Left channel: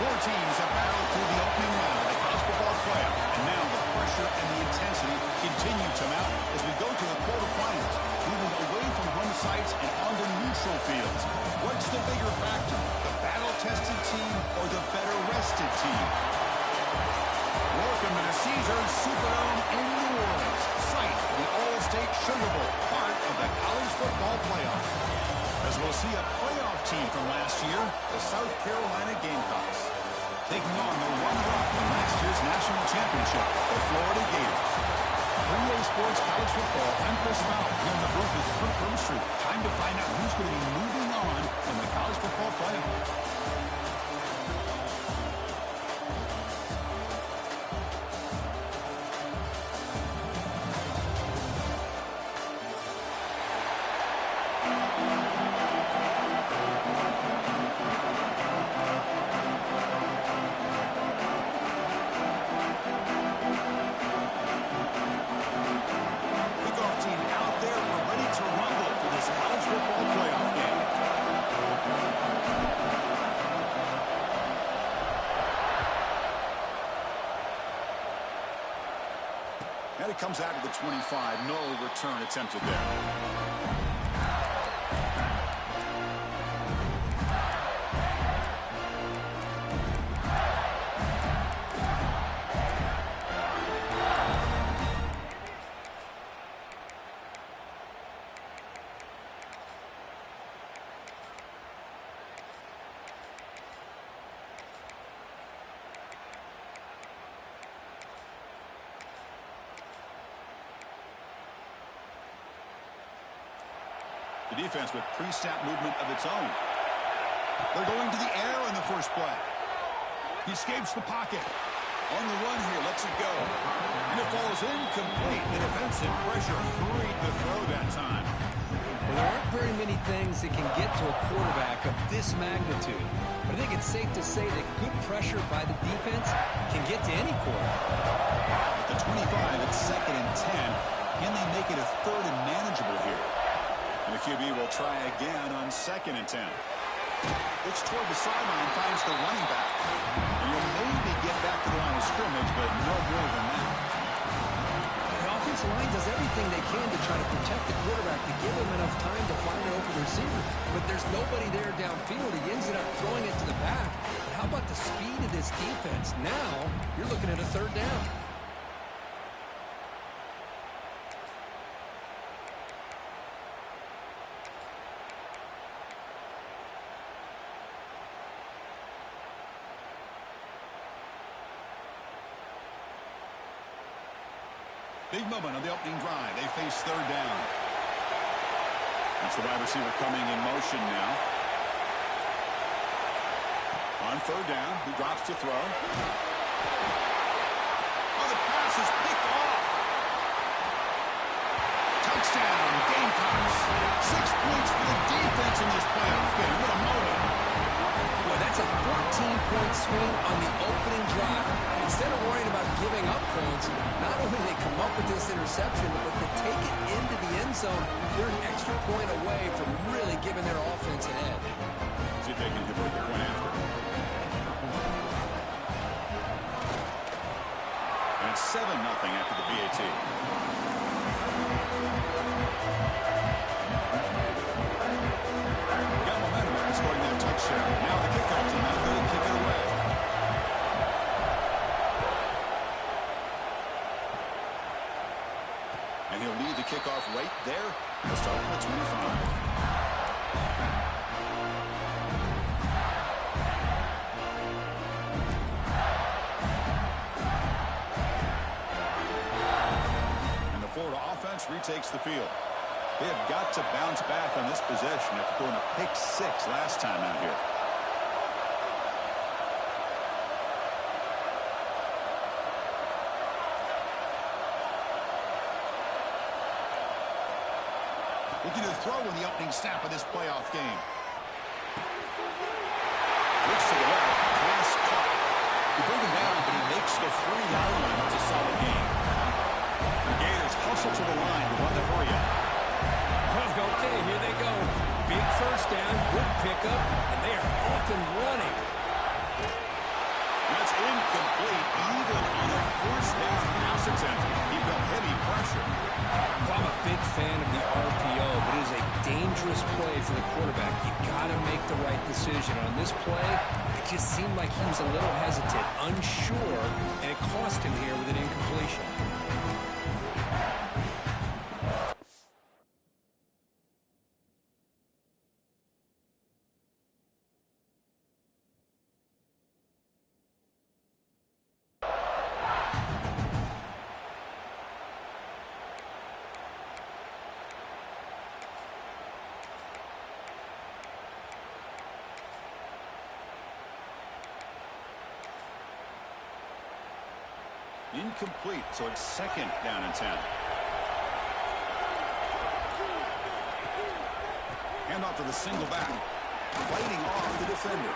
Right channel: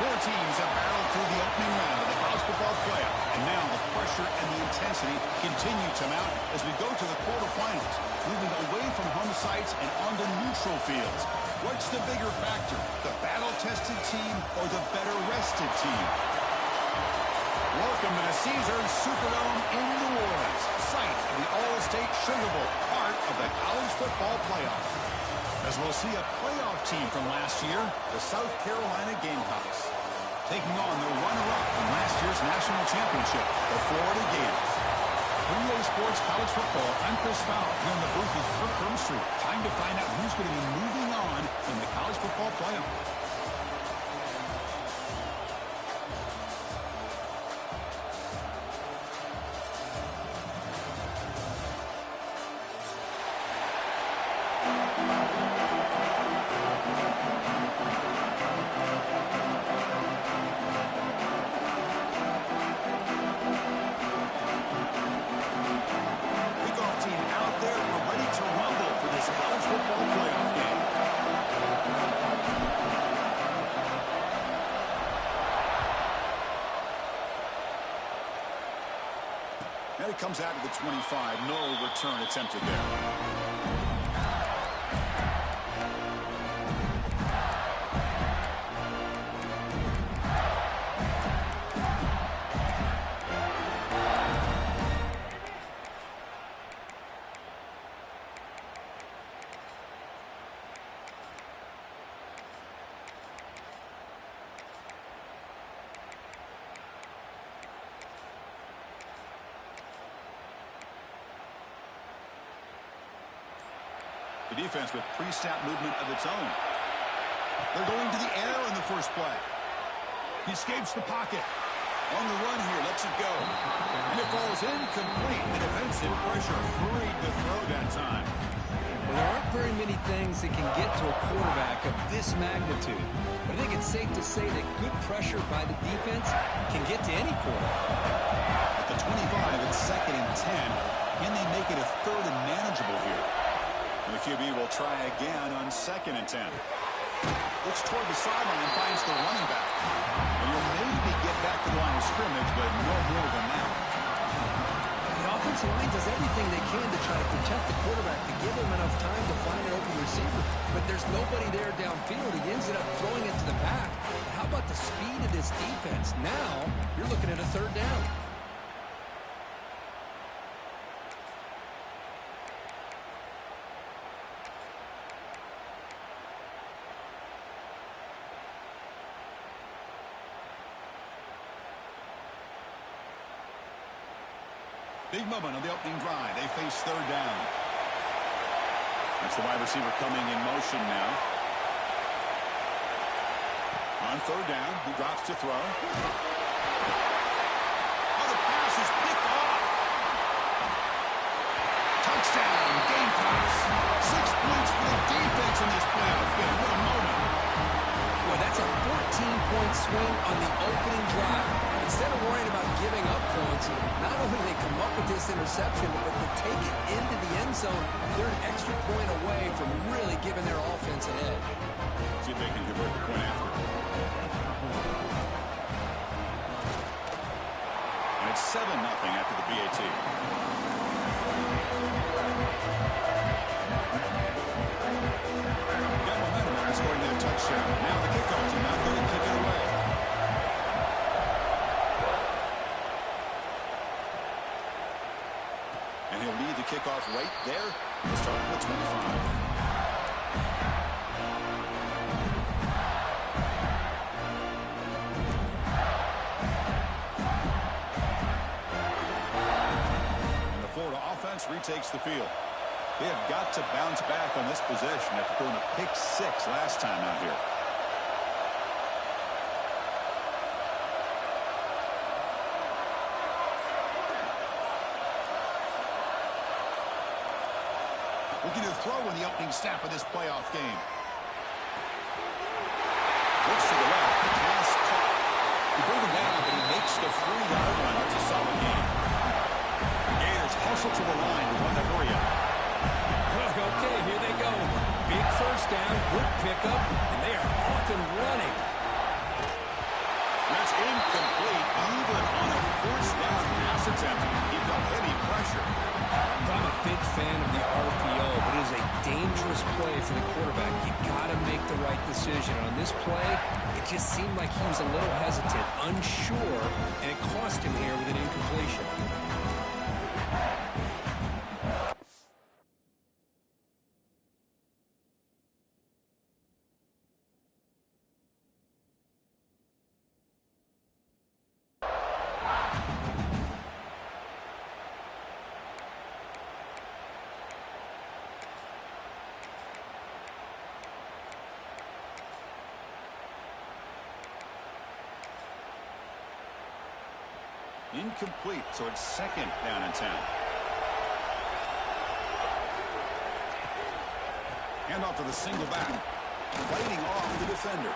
Four teams have battled through the opening round of the college football playoff, and now the pressure and the intensity continue to mount as we go to the quarterfinals, moving away from home sites and onto neutral fields. What's the bigger factor, the battle-tested team or the better-rested team? Welcome to the Caesars Superdome in New Orleans, site of the All-State Sugar Bowl, part of the college football playoff. As we'll see a playoff team from last year, the South Carolina Gamecocks, taking on the runner-up from last year's national championship, the Florida Gators. 3A Sports College Football, I'm Chris Fowler, here in the booth with Kirk Herbstreit. Time to find out who's going to be moving on in the college football playoff. And it comes out to the 25. No return attempted there. The defense with pre-snap movement of its own. They're going to the air in the first play. He escapes the pocket. On the run here, lets it go. And it falls incomplete. The defensive pressure hurried the throw that time. Well, there aren't very many things that can get to a quarterback of this magnitude. But I think it's safe to say that good pressure by the defense can get to any quarterback. At the 25, it's 2nd and 10. Can they make it a 3rd and manageable here? And the QB will try again on 2nd and 10. Looks toward the sideline, finds the running back. And you'll maybe get back to the line of scrimmage, but no more than that. The offensive line does everything they can to try to protect the quarterback, to give him enough time to find an open receiver. But there's nobody there downfield. He ends up throwing it to the back. But how about the speed of this defense? Now you're looking at a 3rd down. Big moment on the opening drive. They face 3rd down. That's the wide receiver coming in motion now. On 3rd down, he drops to throw. Oh, the pass is picked off. Touchdown, Gamecocks. 6 points for the defense in this playoff game. What a moment. Boy, that's a 14-point swing on the opening drive. Instead of worrying about giving up points, not only do they come up with this interception, but to take it into the end zone, they're an extra point away from really giving their offense an edge. See if they can convert the point after. And it's 7-0 after the BAT. Got momentum after scoring that touchdown. Now the kickoff team out there to kick it away. And he'll lead the kickoff right there. We'll start from the 25. And the Florida offense retakes the field. They have got to bounce back on this possession after throwing a pick 6 last time out here. Looking to throw in the opening snap of this playoff game. Looks to the left. Pass caught. He bring him down, but he makes the 3-yard line. That's a solid gain. The Gators hustle to the line to run the hurry up. Okay, here they go. Big 1st down, good pickup, and they are off and running. That's incomplete. Even on a fourth down pass attempt, he felt heavy pressure. I'm a big fan of the RPO, but it is a dangerous play for the quarterback. You got to make the right decision. On this play, it just seemed like he was a little hesitant, unsure, and it cost him here with an incompletion. Incomplete, so it's second down and 10. Hand off to the single back. Fighting off the defender.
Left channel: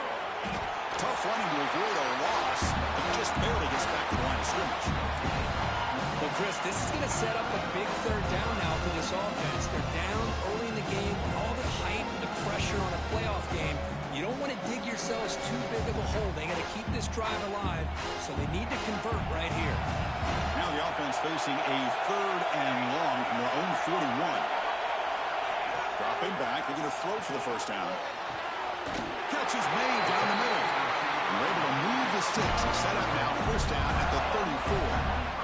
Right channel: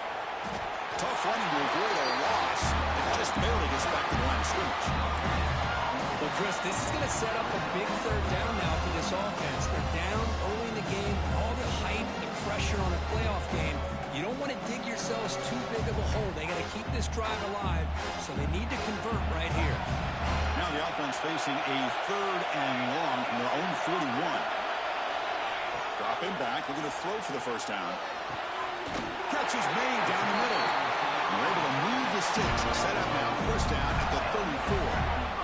Tough running to avoid a loss. It just barely gets back to the line of scrimmage. Well, Chris, this is going to set up a big third down now for this offense. They're down early in the game. All the hype, the pressure on a playoff game. You don't want to dig yourselves too big of a hole. They got to keep this drive alive, so they need to convert right here. Now the offense facing a third and long from their own 41. Dropping back. They're going to throw for the first down. Catch is made down the middle. And we're able to move the sticks and set up now first down at the 34.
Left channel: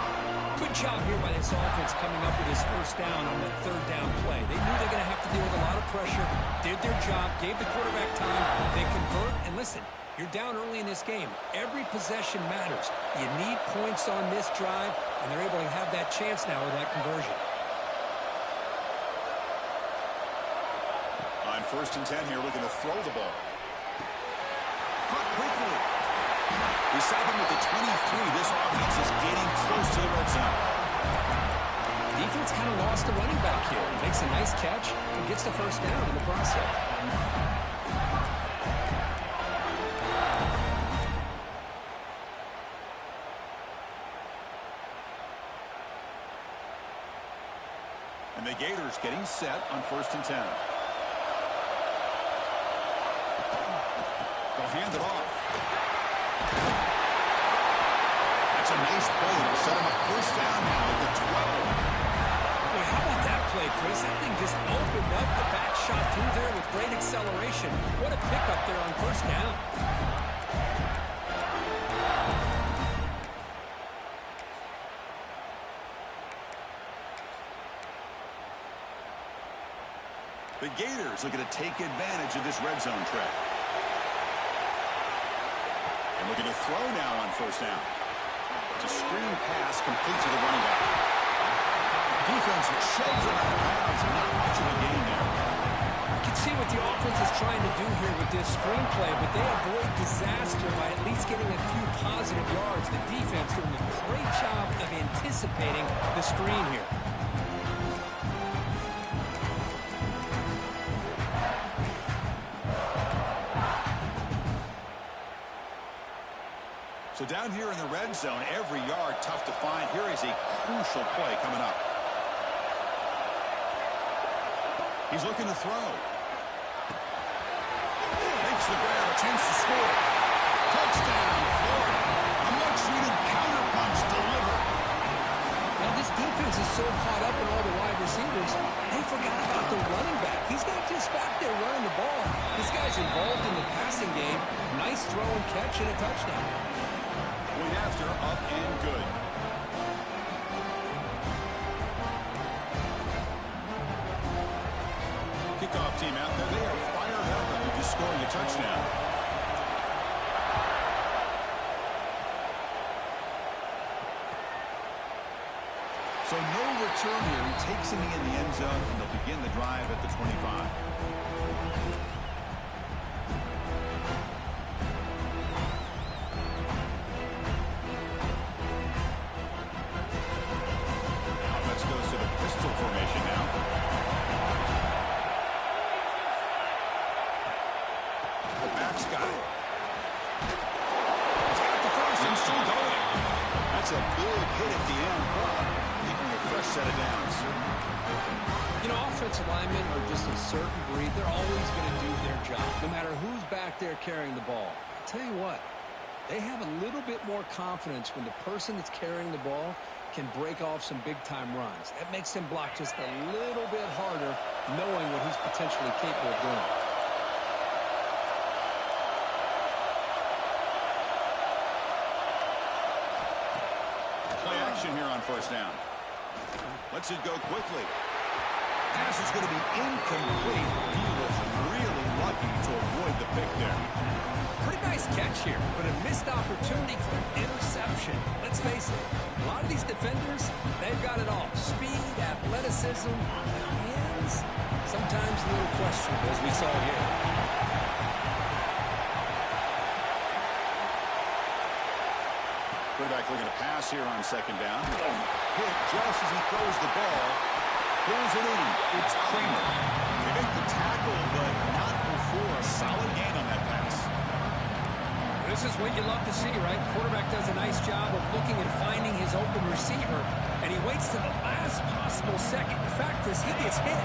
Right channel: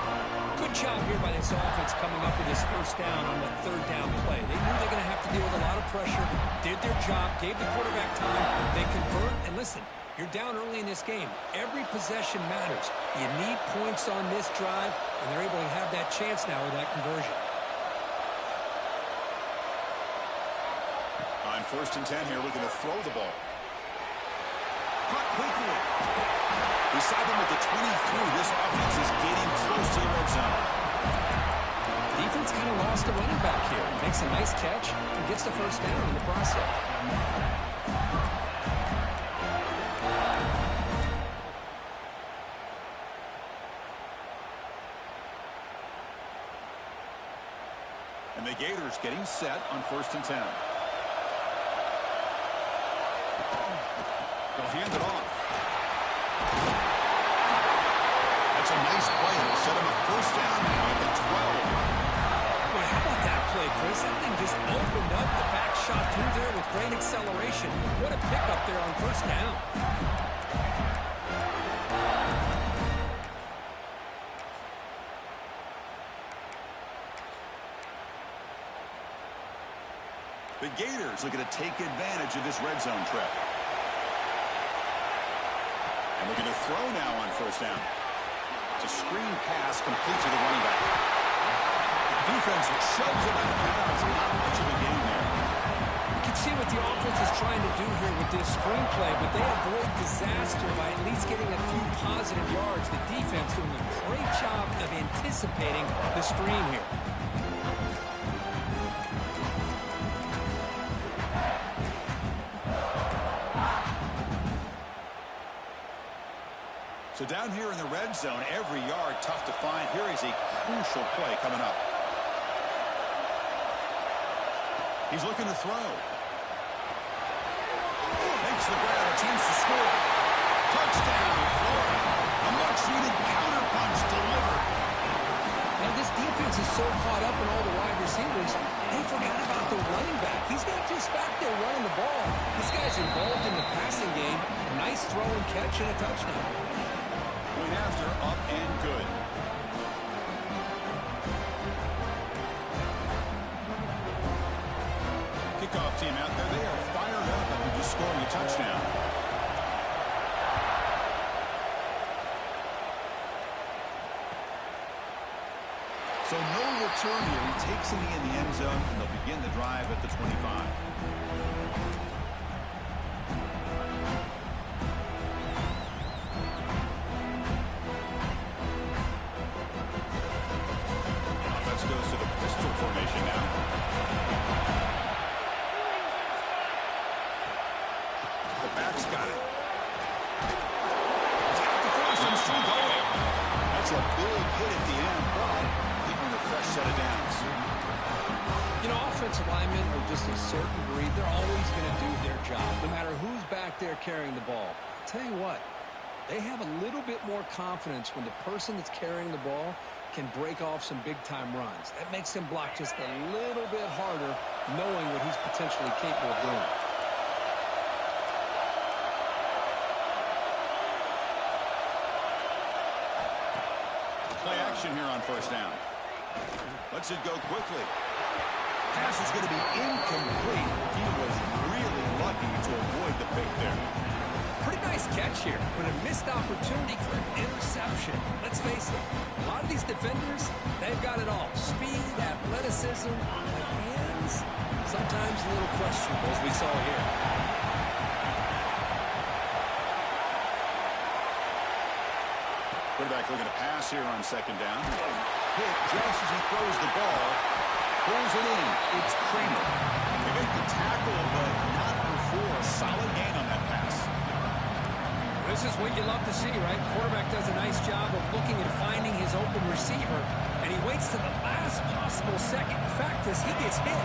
Good job here by this offense coming up with this first down on the third down play. They knew they're going to have to deal with a lot of pressure, did their job, gave the quarterback time, they convert, and listen, you're down early in this game. Every possession matters. You need points on this drive, and they're able to have that chance now with that conversion. On first and 10 here, looking to throw the ball. Cut quickly. Beside them at the 23, this offense is getting close to the red zone. Defense kind of lost a running back here. Makes a nice catch and gets the first down in the process. And the Gators getting set on first and 10. They'll hand it off. That's a nice play. It'll set him up first down now at the 12. Boy, how about that play, Chris? That thing just opened up. The back shot through there with great acceleration. What a pickup there on first down. The Gators looking to take advantage of this red zone trap. And looking to throw now on first down. It's a screen pass complete to the running back. Defense shoves him out of bounds. Not much of a gain there. You can see what the offense is trying to do here with this screen play, but they avoid disaster by at least getting a few positive yards. The defense doing a great job of anticipating the screen here. So down here in the red zone, every yard tough to find. Here is a crucial play coming up. He's looking to throw. Makes the grab, a chance to score. Touchdown, Florida. A much-needed counterpunch delivered. Now, this defense is so caught up in all the wide receivers, they forgot about the running back. He's not just back there running the ball. This guy's involved in the passing game. Nice throw and catch and a touchdown. Point after, up and good. Kickoff team out there. They are fired up after just scoring a touchdown. So no return here. He takes in the end zone, and they'll begin the drive at the 25. Offense goes to the pistol formation now. The back's got it. He's got the cross and still going. That's a big hit at the end, but he earned a fresh set of downs. You know, offensive linemen are just a certain breed. They're always going to do their job, no matter who's back there carrying the ball. I'll tell you what, They have a little bit more confidence when the person that's carrying the ball can break off some big-time runs. That makes him block just a little bit harder, knowing what he's potentially capable of doing. Play action here on first down. Lets it go quickly. Pass is going to be incomplete. He was really lucky to avoid the pick there. Pretty nice catch here, but a missed opportunity for an interception. Let's face it, a lot of these defenders, they've got it all. Speed, athleticism, but hands, sometimes a little questionable, as we saw here. Quarterback looking to pass here on second down. Hit just as he throws the ball. Pulls it in. It's Kramer. They make the tackle, but not before a solid gain on that pass. This is what you love to see, right? Quarterback does a nice job of looking and finding his open receiver, and he waits to the last possible second. The fact is, he gets hit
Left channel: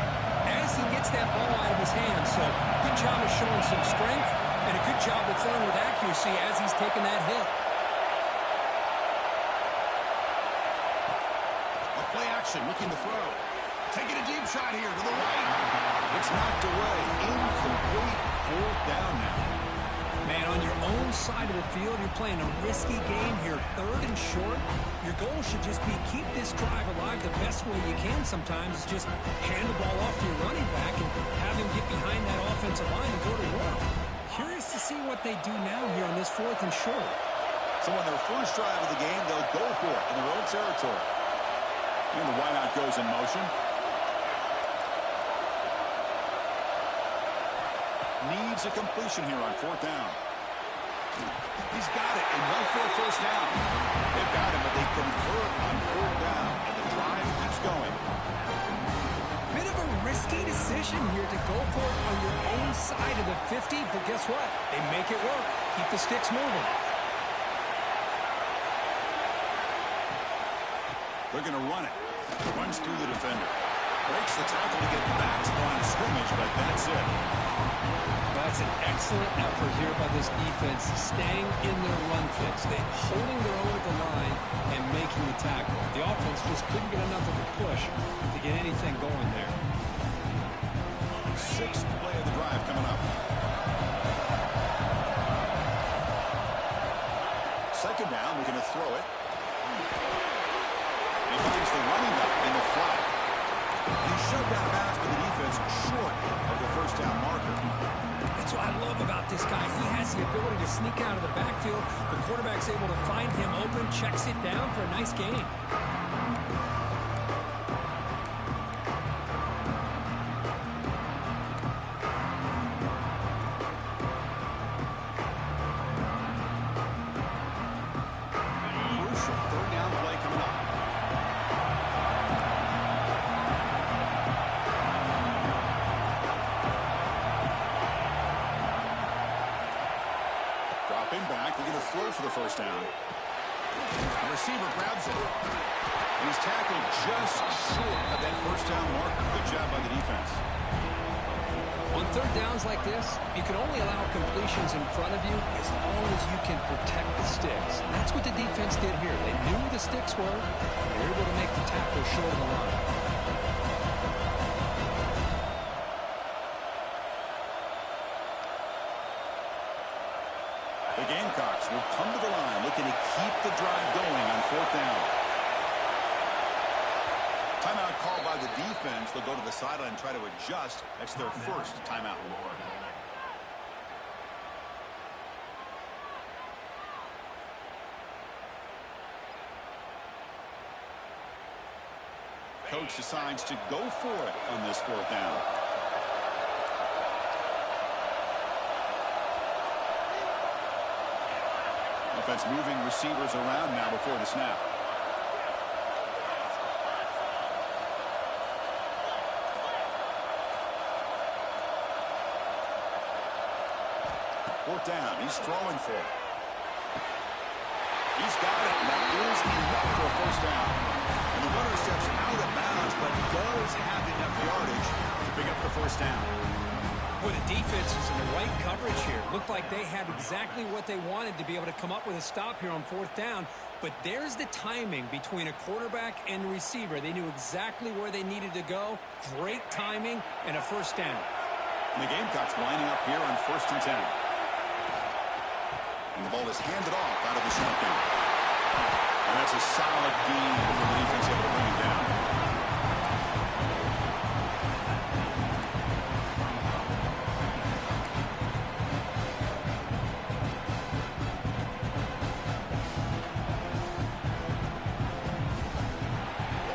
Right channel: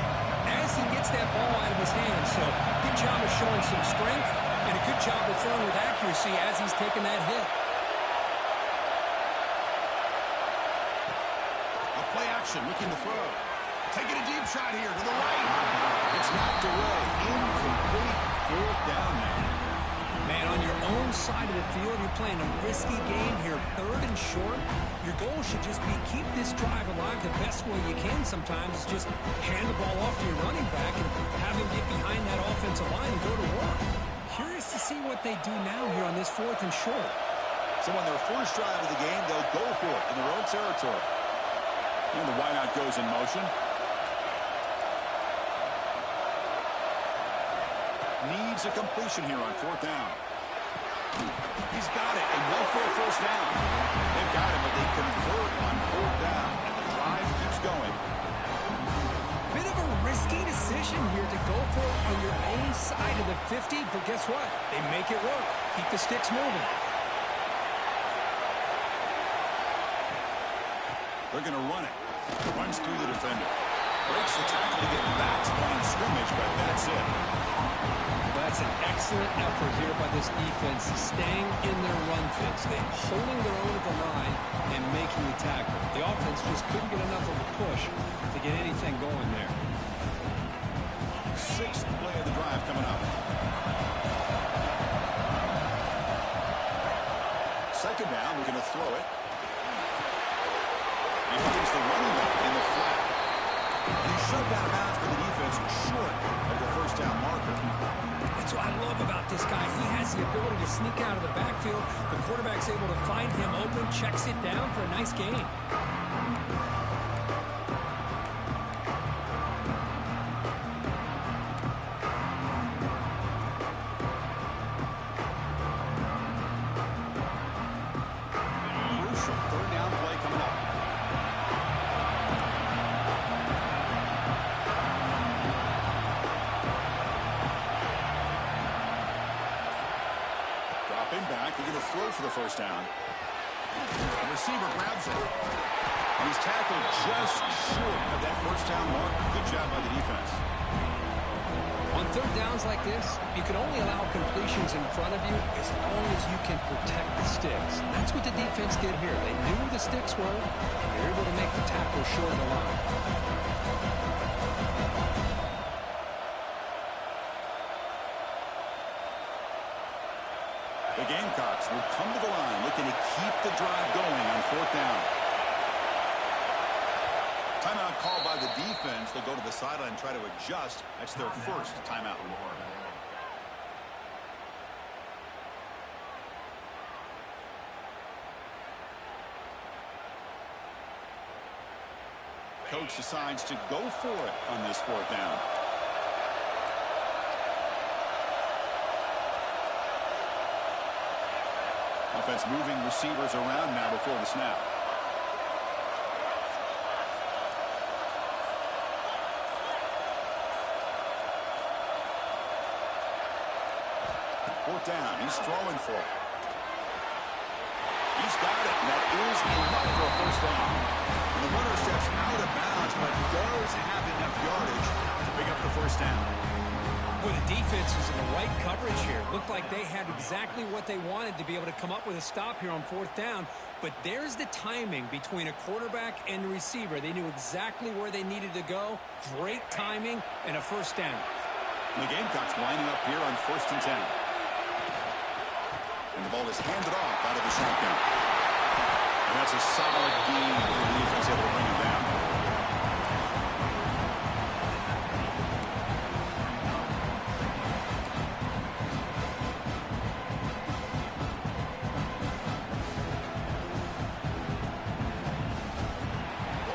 as he gets that ball out of his hands. So, good job of showing some strength, and a good job of throwing with accuracy as he's taking that hit. Play action, looking to throw. Taking a deep shot here to the right. It's knocked away. Incomplete. Fourth down now. Man, on your own side of the field, you're playing a risky game here. Third and short. Your goal should just be keep this drive alive the best way you can sometimes. Is just hand the ball off to your running back and have him get behind that offensive line and go to work. Curious to see what they do now here on this fourth and short. So on their first drive of the game, they'll go for it in their own territory. And the wideout goes in motion. Needs a completion here on fourth down. He's got it, and no for a first down. They've got him, but they convert on fourth down, and the drive keeps going. Bit of a risky decision here to go for it on your own side of the 50, but guess what? They make it work. Keep the sticks moving. They're going to run it. Runs through the defender. Breaks the tackle to get back to line of scrimmage, but that's it. Well, that's an excellent effort here by this defense, staying in their run fits. They're holding their own at the line and making the tackle. The offense just couldn't get enough of a push to get anything going there. Sixth play of the drive coming up. Second down, we're going to throw it. He finds the running back in the flat. And he's shoved out of bounds by the defense short of the first down marker. That's what I love about this guy. He has the ability to sneak out of the backfield. The quarterback's able to find him open, checks it down for a nice gain. Crucial third down play coming up. Dropping back, they're going to throw for the first down. The receiver grabs it. And he's tackled just short of that first down mark. Good job by the defense. On third downs like this, you can only allow completions in front of you as long as you can protect the sticks. And that's what the defense did here. They knew the sticks were, and they were able to make the tackle short of the line. The Gamecocks will come to the line looking to keep the drive going on fourth down. Timeout called by the defense. They'll go to the sideline and try to adjust. That's their first timeout. Coach decides to go for it on this fourth down. Offense moving receivers around now before the snap. Fourth down. He's throwing for it. He's got it. And that is enough for a first down. And the runner steps out of bounds, but does have enough yardage to pick up the first down. Well, the defense was in the right coverage here. Looked like they had exactly what they wanted to be able to come up with a stop here on 4th down. But there's the timing between a quarterback and the receiver. They knew exactly where they needed to go. Great timing and a 1st down. And the Gamecocks lining up here on 1st and 10. And the ball is handed off out of the shotgun. And that's a solid gain for the defense, able to bring him down.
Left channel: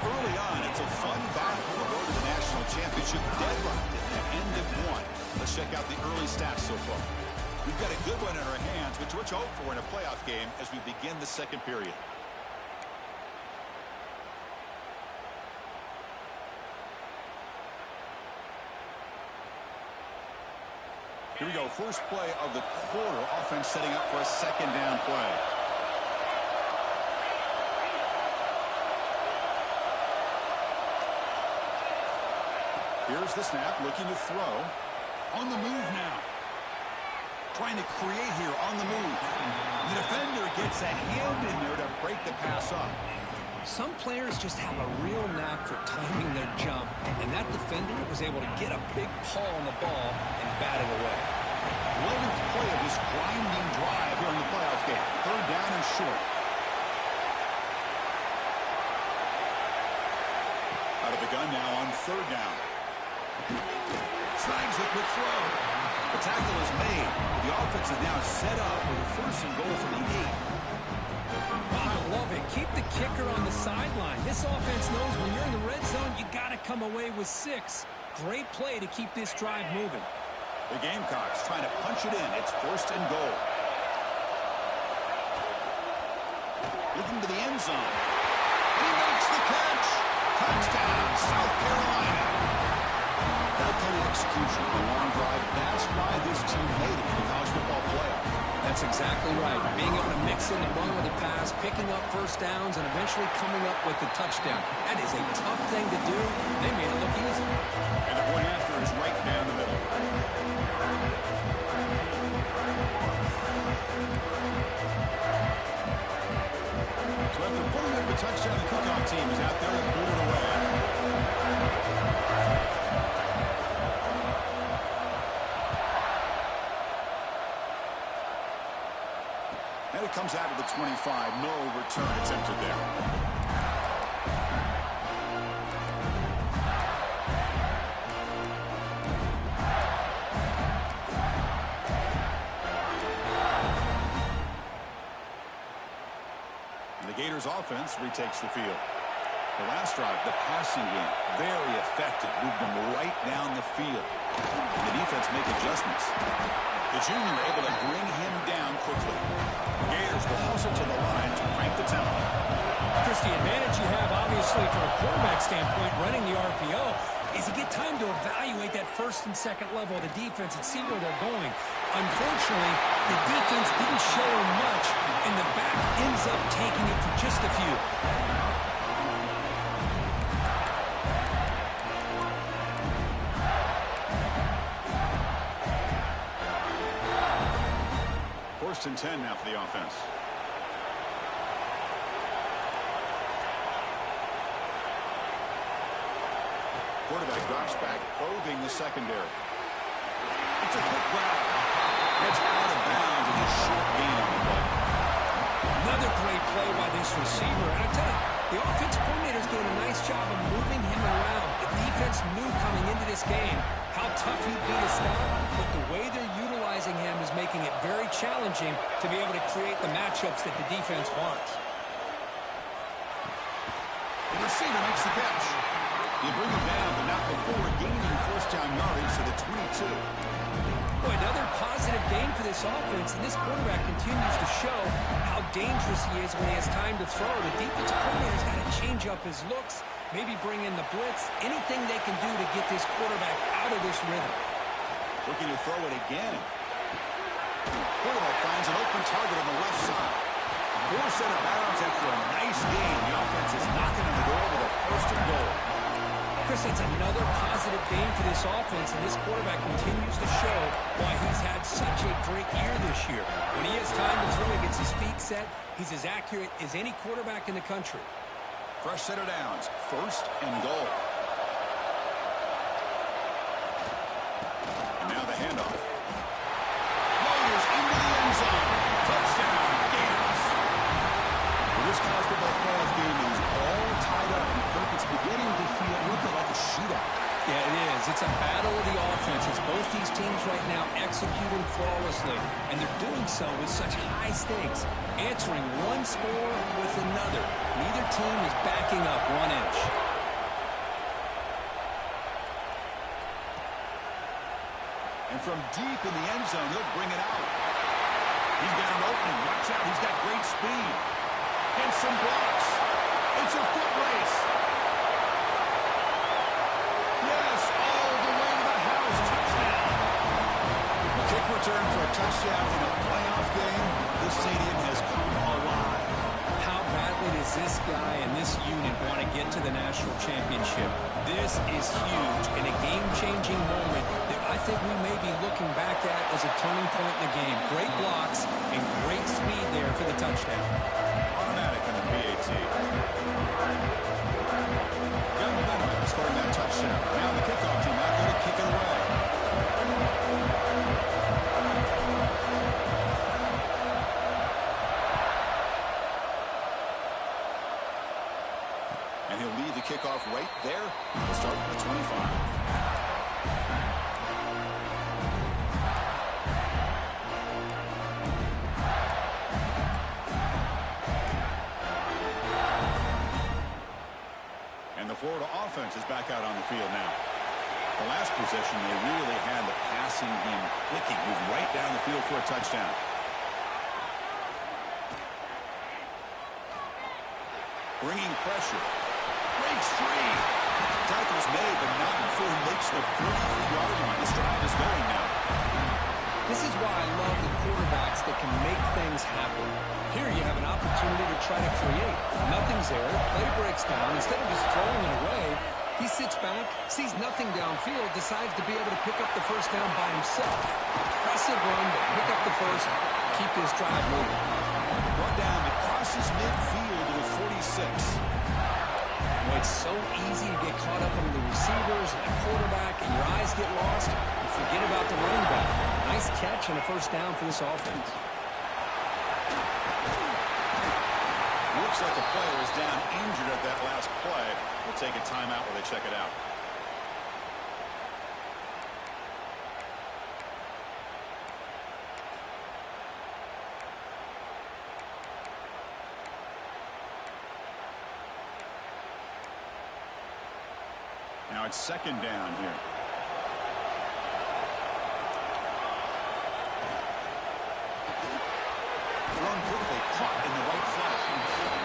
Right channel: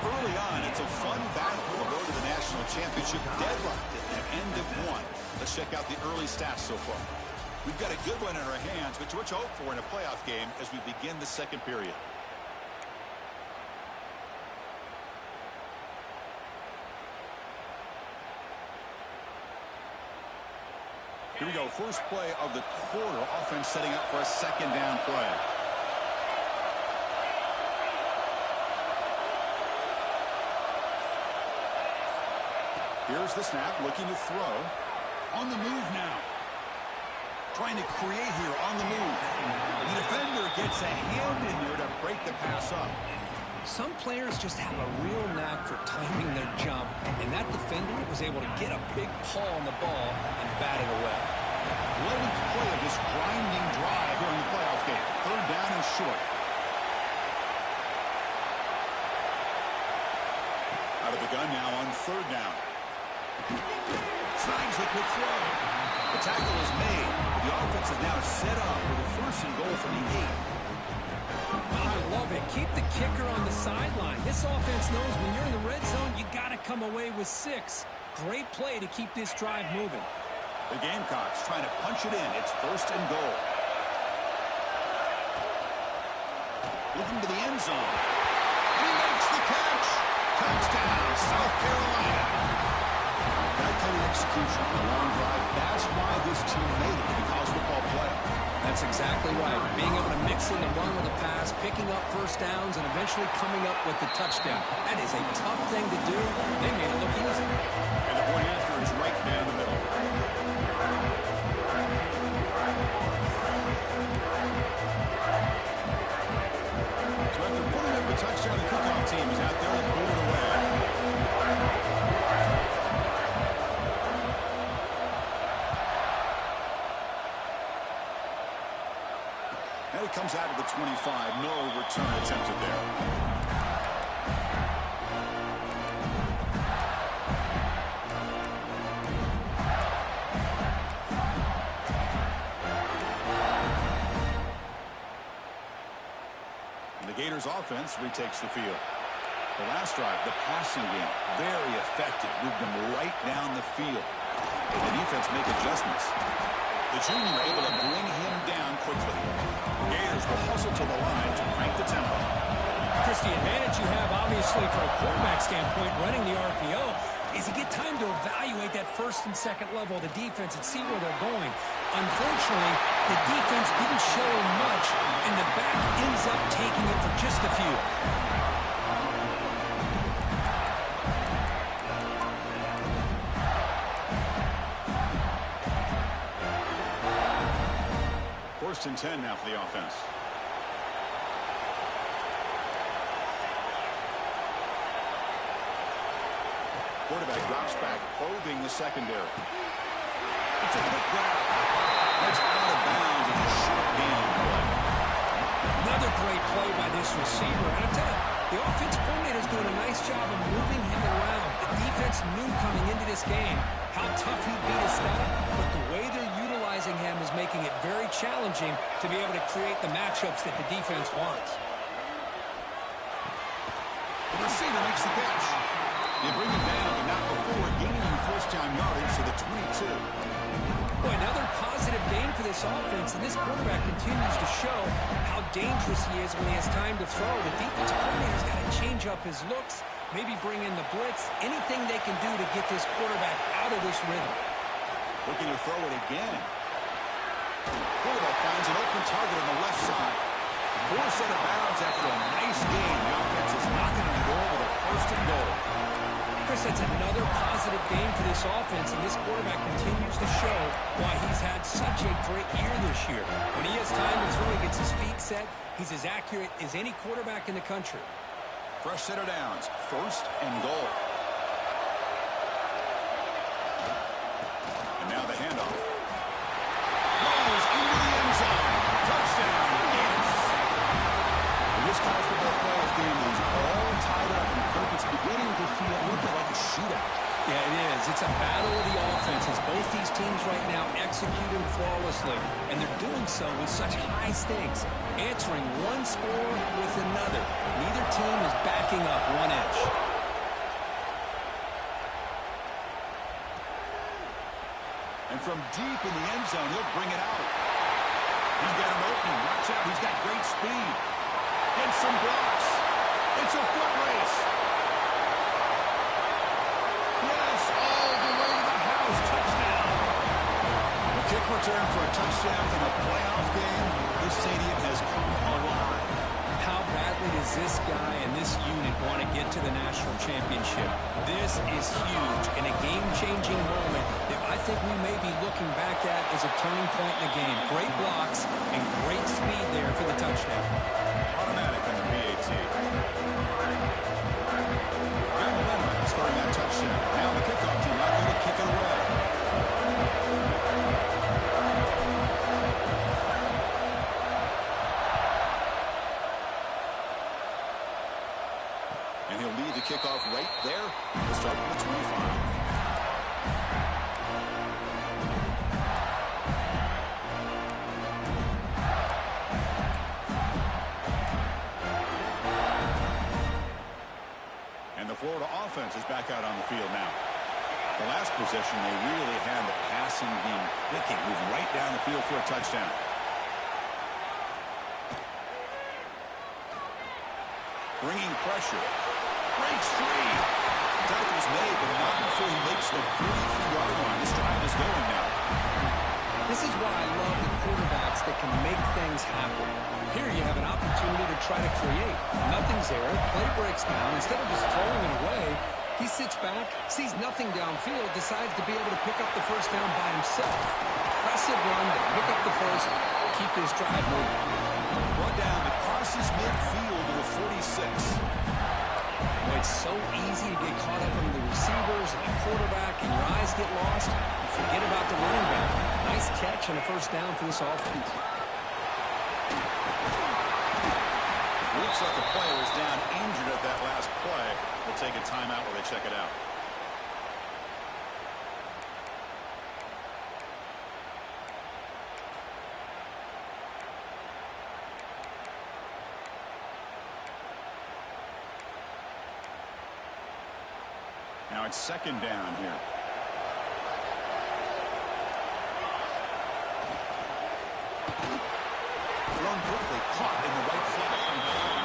Early on, it's a fun battle on the road to the national championship, deadlocked at the end of 1. Let's check out the early stats so far. We've got a good one in our hands, which we're to hope for in a playoff game as we begin the 2nd period. Here we go. First play of the quarter. Offense setting up for a 2nd down play. Here's the snap, looking to throw. On the move now. Trying to create here on the move. The defender gets a hand in there to break the pass up. Some players just have a real knack for timing their jump, and that defender was able to get a big paw on the ball and bat it away. 11th play of this grinding drive here in the playoff game. 3rd down and short. Out of the gun now on 3rd down. Snags the quick throw. The tackle is made. The offense is now set up with a 1st and goal from the 8. I love it. Keep the kicker on the sideline. This offense knows when you're in the red zone, you got to come away with 6. Great play to keep this drive moving. The Gamecocks trying to punch it in. It's 1st and goal. Looking to the end zone. And he makes the catch. Touchdown, South Carolina. That kind of execution on a long drive, that's why this team made it in the college football playoff. That's exactly right. Being able to mix in the run with the pass, picking up 1st downs, and eventually coming up with the touchdown. That is a tough thing to do. They made it look easy. And the point after is right down the middle. So after putting up the touchdown, the kickoff team is out there and booted away. And it comes out of the 25. No return attempted there. And the Gators offense retakes the field. The last drive, the passing game, very effective. Moved them right down the field. And the defense make adjustments. The junior able to bring him down quickly. The Gators will hustle to the line to crank the tempo. Chris, the advantage you have, obviously, from a quarterback standpoint, running the RPO, is you get time to evaluate that 1st and 2nd level of the defense and see where they're going. Unfortunately, the defense didn't show him much, and the back ends up taking it for just a few. 1st and 10 now for the offense. Quarterback drops back, probing the secondary. It's a quick grab. That's out of bounds and a short gain on the play. Another great play by this receiver. And I tell you, the offense coordinator is doing a nice job of moving him around. The defense knew coming into this game how tough he'd be to stop, but the way they're utilizing him is making it very challenging to be able to create the matchups that the defense wants. The receiver makes the catch. You bring him down, but not before gaining 1st down yardage to the 22. Boy, another positive gain for this offense, and this quarterback continues to show how dangerous he is when he has time to throw. The defensive coordinator's got to change up his looks, maybe bring in the blitz, anything they can do to get this quarterback out of this rhythm. Looking to throw it again. Quarterback finds an open target on the left side. Forced out of bounds after a nice gain. The offense is knocking on the door with a 1st and goal. Chris, that's another positive game for this offense, and this quarterback continues to show why he's had such a great year this year. When he has time to throw, he gets his feet set. He's as accurate as any quarterback in the country. Fresh set of downs, 1st and goal. And now the handoff. Rolls into the end zone. Touchdown, Gators. Well, this college football playoff game is all tied up, and Kirk, it's beginning to feel a little bit like a shootout. Yeah, it is. It's a battle of the offenses. Both these teams right now executing flawlessly, and they're doing so with such high stakes, answering one score with another. Neither team is backing up 1 inch. And from deep in the end zone, he'll bring it out. He's got an opening. Watch out. He's got great speed. Gets some blocks. It's a foot race. Yes, all the way to the house. Touchdown. A kick return for a touchdown in a playoff game. This stadium has come alive. How badly does this guy and this unit want to get to the national championship? This is huge and a game-changing moment that I think we may be looking back at as a turning point in the game. Great blocks and great speed there for the touchdown. Automatic in the PAT. Got momentum scoring that touchdown. Now the kickoff team out there to kick it away. And he'll lead the kickoff right there. We'll start from the 25. And the Florida offense is back out on the field now. The last possession, they really had the passing game clicking, moved right down the field for a touchdown. Bringing pressure. Breaks free. Tackle's made, but not before he makes the 43-yard line. This drive is going now. This is why I love the quarterbacks that can make things happen. Here you have an opportunity to try to create. Nothing's there. Play breaks down. Instead of just throwing it away, he sits back, sees nothing downfield, decides to be able to pick up the first down by himself. Impressive run to pick up the first, keep this drive moving. Brought down, it crosses midfield to the 46. Boy, it's so easy to get caught up in the receivers and the quarterback, and your eyes get lost. You forget about the running back. Nice catch and a first down for this offense. Looks like a player is down injured at that last play. We'll take a timeout while they check it out. Now it's 2nd down here. Thrown quickly, caught in the right flat.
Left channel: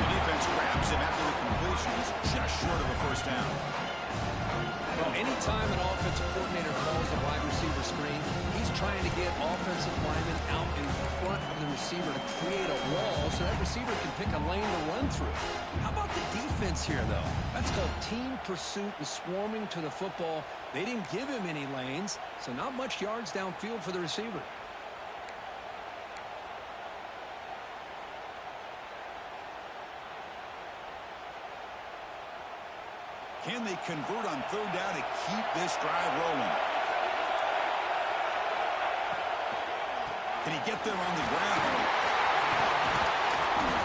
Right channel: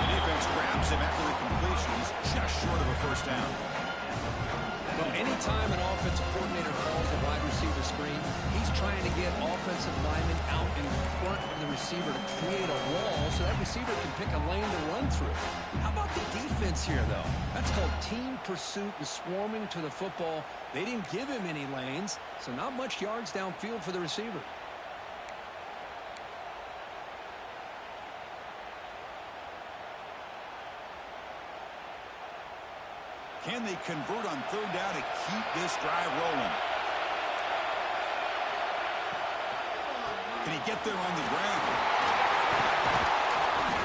The defense grabs him after the completion. He's just short of a first down. Well, anytime an offensive coordinator calls a wide receiver screen, he's trying to get offensive linemen out in front of the receiver to create a wall so that receiver can pick a lane to run through. How about the defense here, though? That's called team pursuit and swarming to the football. They didn't give him any lanes, so not much yards downfield for the receiver. Can they convert on 3rd down to keep this drive rolling? Can he get there on the ground?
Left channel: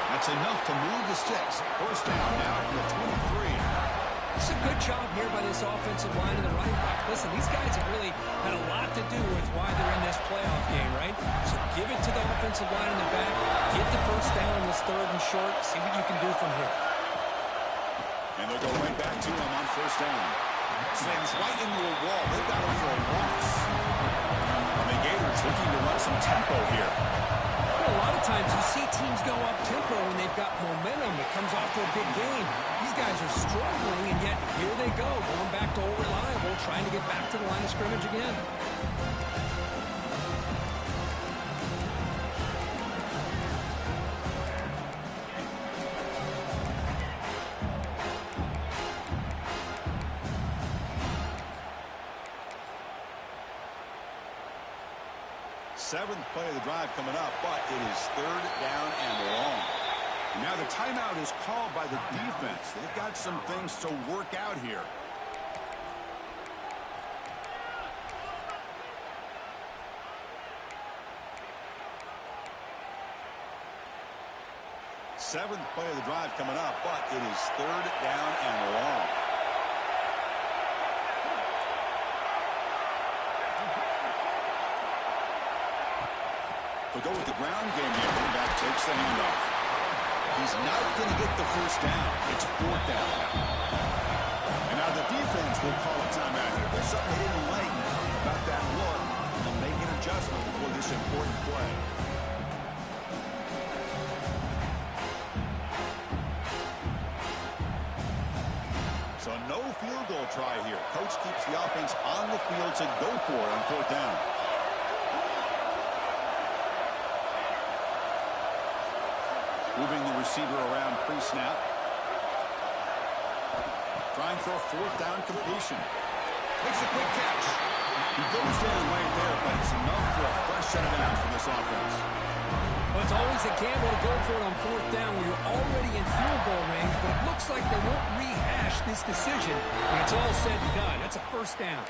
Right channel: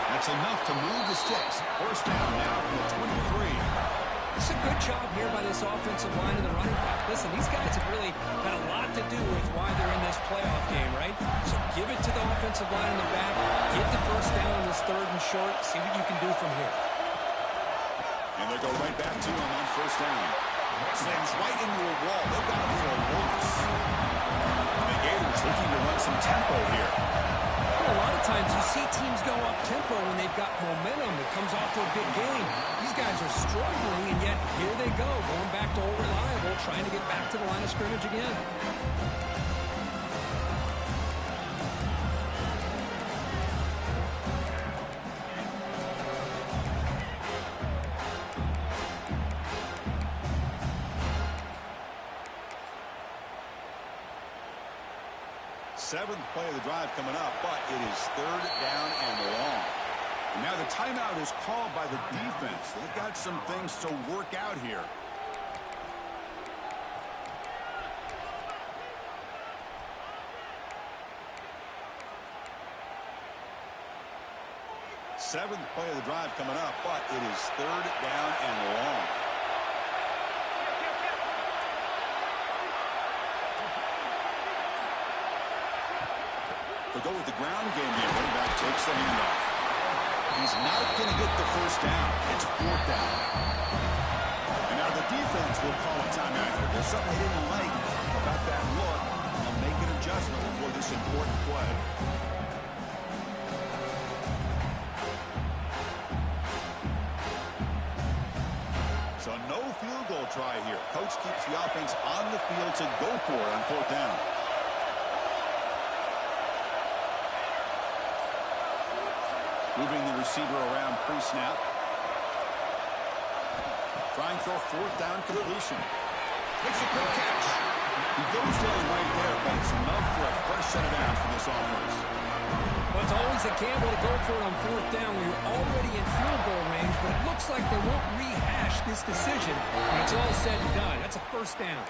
That's enough to move the sticks. First down now from the 23. It's a good job here by this offensive line and the running back. Listen, these guys have really had a lot to do with why they're in this playoff game, right? So give it to the offensive line in the back. Get the first down on this 3rd and short. See what you can do from here. And they'll go right back to him on first down. Slams right into a wall. They've got him for a loss. And the Gators looking to run some tempo here. Well, a lot of times you see teams go up tempo when they've got momentum. It comes off to a big gain. These guys are struggling, and yet here they go, going back to old reliable, trying to get back to the line of scrimmage again. Seventh play of the drive coming up, but it is third down and long. And now the timeout is called by the defense. They've got some things to work out here. Seventh play of the drive coming up, but it is third down and long. They'll go with the ground game here. Running back takes the handoff. He's not going to get the first down. It's fourth down now. And now the defense will call a timeout here. There's something they didn't like about that look. They'll make an adjustment before this important play. So no field goal try here. Coach keeps the offense on the field to go for it on fourth down. Moving the receiver around pre-snap. Trying for a fourth down completion. Makes a quick catch. He goes down right there, but it's enough for a fresh set of downs for this offense. Well, it's always a gamble to go for it on fourth down when you're already in field goal range, but it looks like they won't rehash this decision when it's all said and done. That's a first down.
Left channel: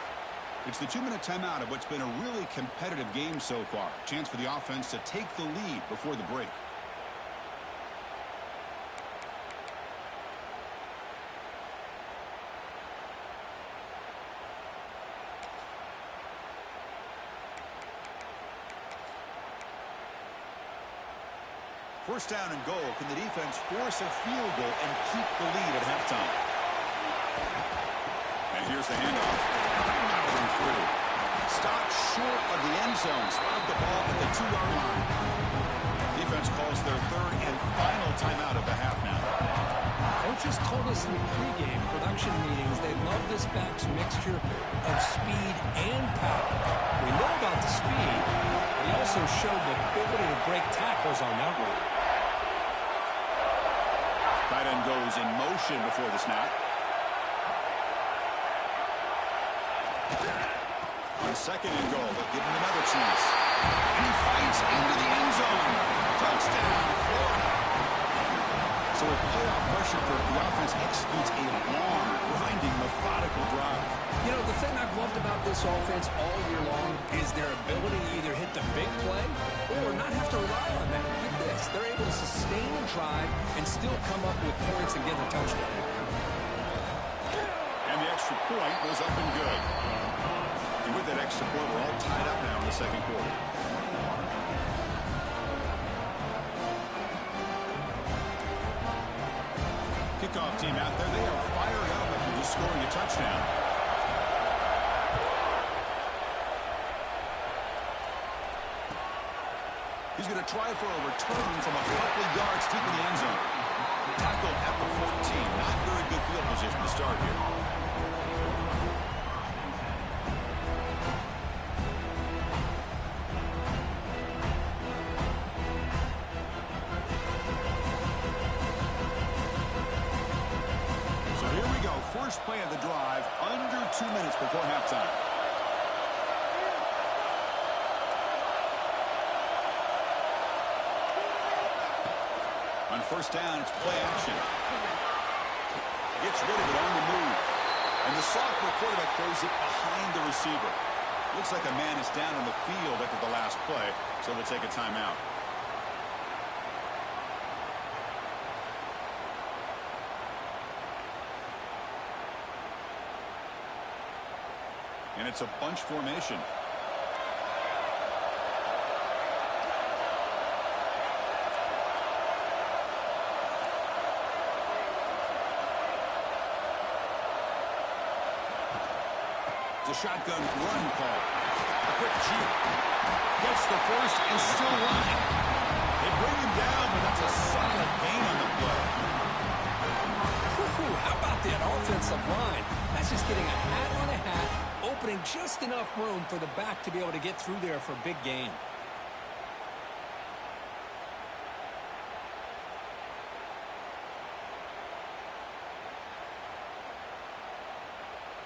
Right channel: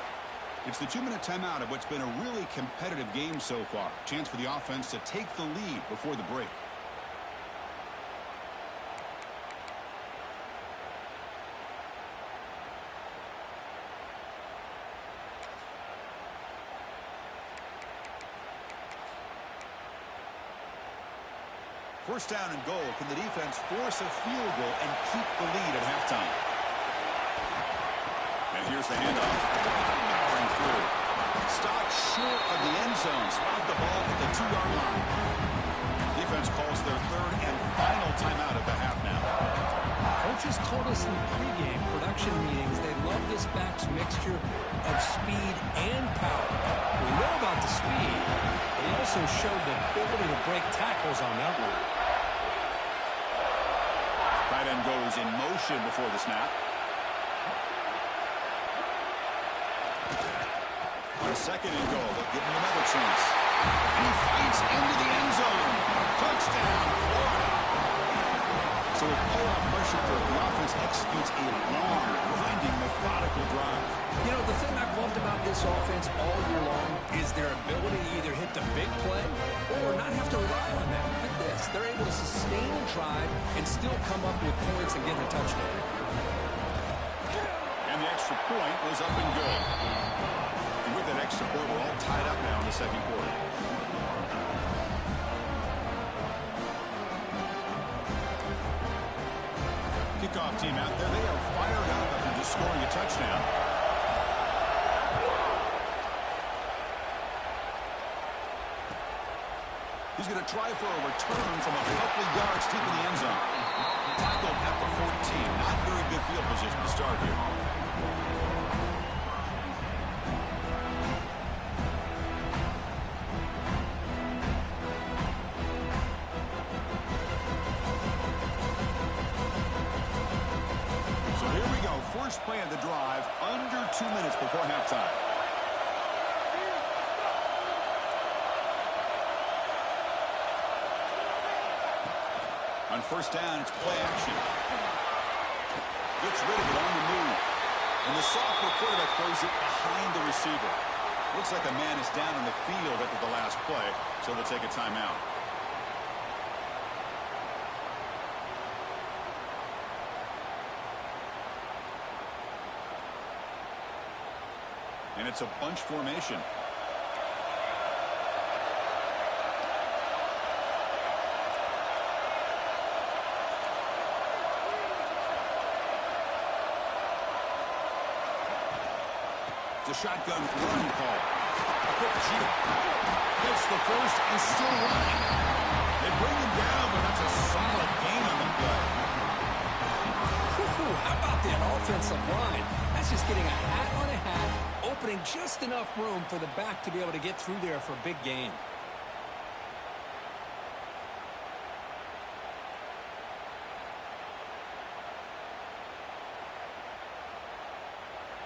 It's the 2-minute timeout of what's been a really competitive game so far. Chance for the offense to take the lead before the break. First down and goal. Can the defense force a field goal and keep the lead at halftime? And here's the handoff. Powering through. Stopped short of the end zone. Spotted the ball at the 2-yard line. Defense calls their third and final timeout of the half now. Coaches told us in the pregame production meetings they love this back's mixture of speed and power. We know about the speed, but he also showed the ability to break tackles on that run. Tight end goes in motion before the snap. On second and goal, they'll give him another chance. And he fights into the end zone. Touchdown, Florida. So with playoff pressure, the offense executes a long, grinding, methodical drive. You know, the thing I've loved about this offense all year long is their ability to either hit the big play or not have to rely on that. Like this, they're able to sustain a drive and still come up with points and get a touchdown. And the extra point was up and good. And with that extra point, we're all tied up now in the second quarter. Kickoff team out there. They are fired up after just scoring a touchdown. He's going to try for a return from a couple of yards deep in the end zone. Tackled at the 14. Not very good field position to start here. So here we go. First play of the drive, under 2 minutes before halftime. On first down, it's play action. Gets rid of it on the move. And the sophomore quarterback throws it behind the receiver. Looks like a man is down on the field after the last play, so we'll take a timeout. And it's a bunch formation. It's a shotgun run call. A quick cheat. Gets the first and still running. They bring him down, but that's a solid gain on the play. How about that offensive line? That's just getting a hat on a hat, opening just enough room for the back to be able to get through there for a big gain.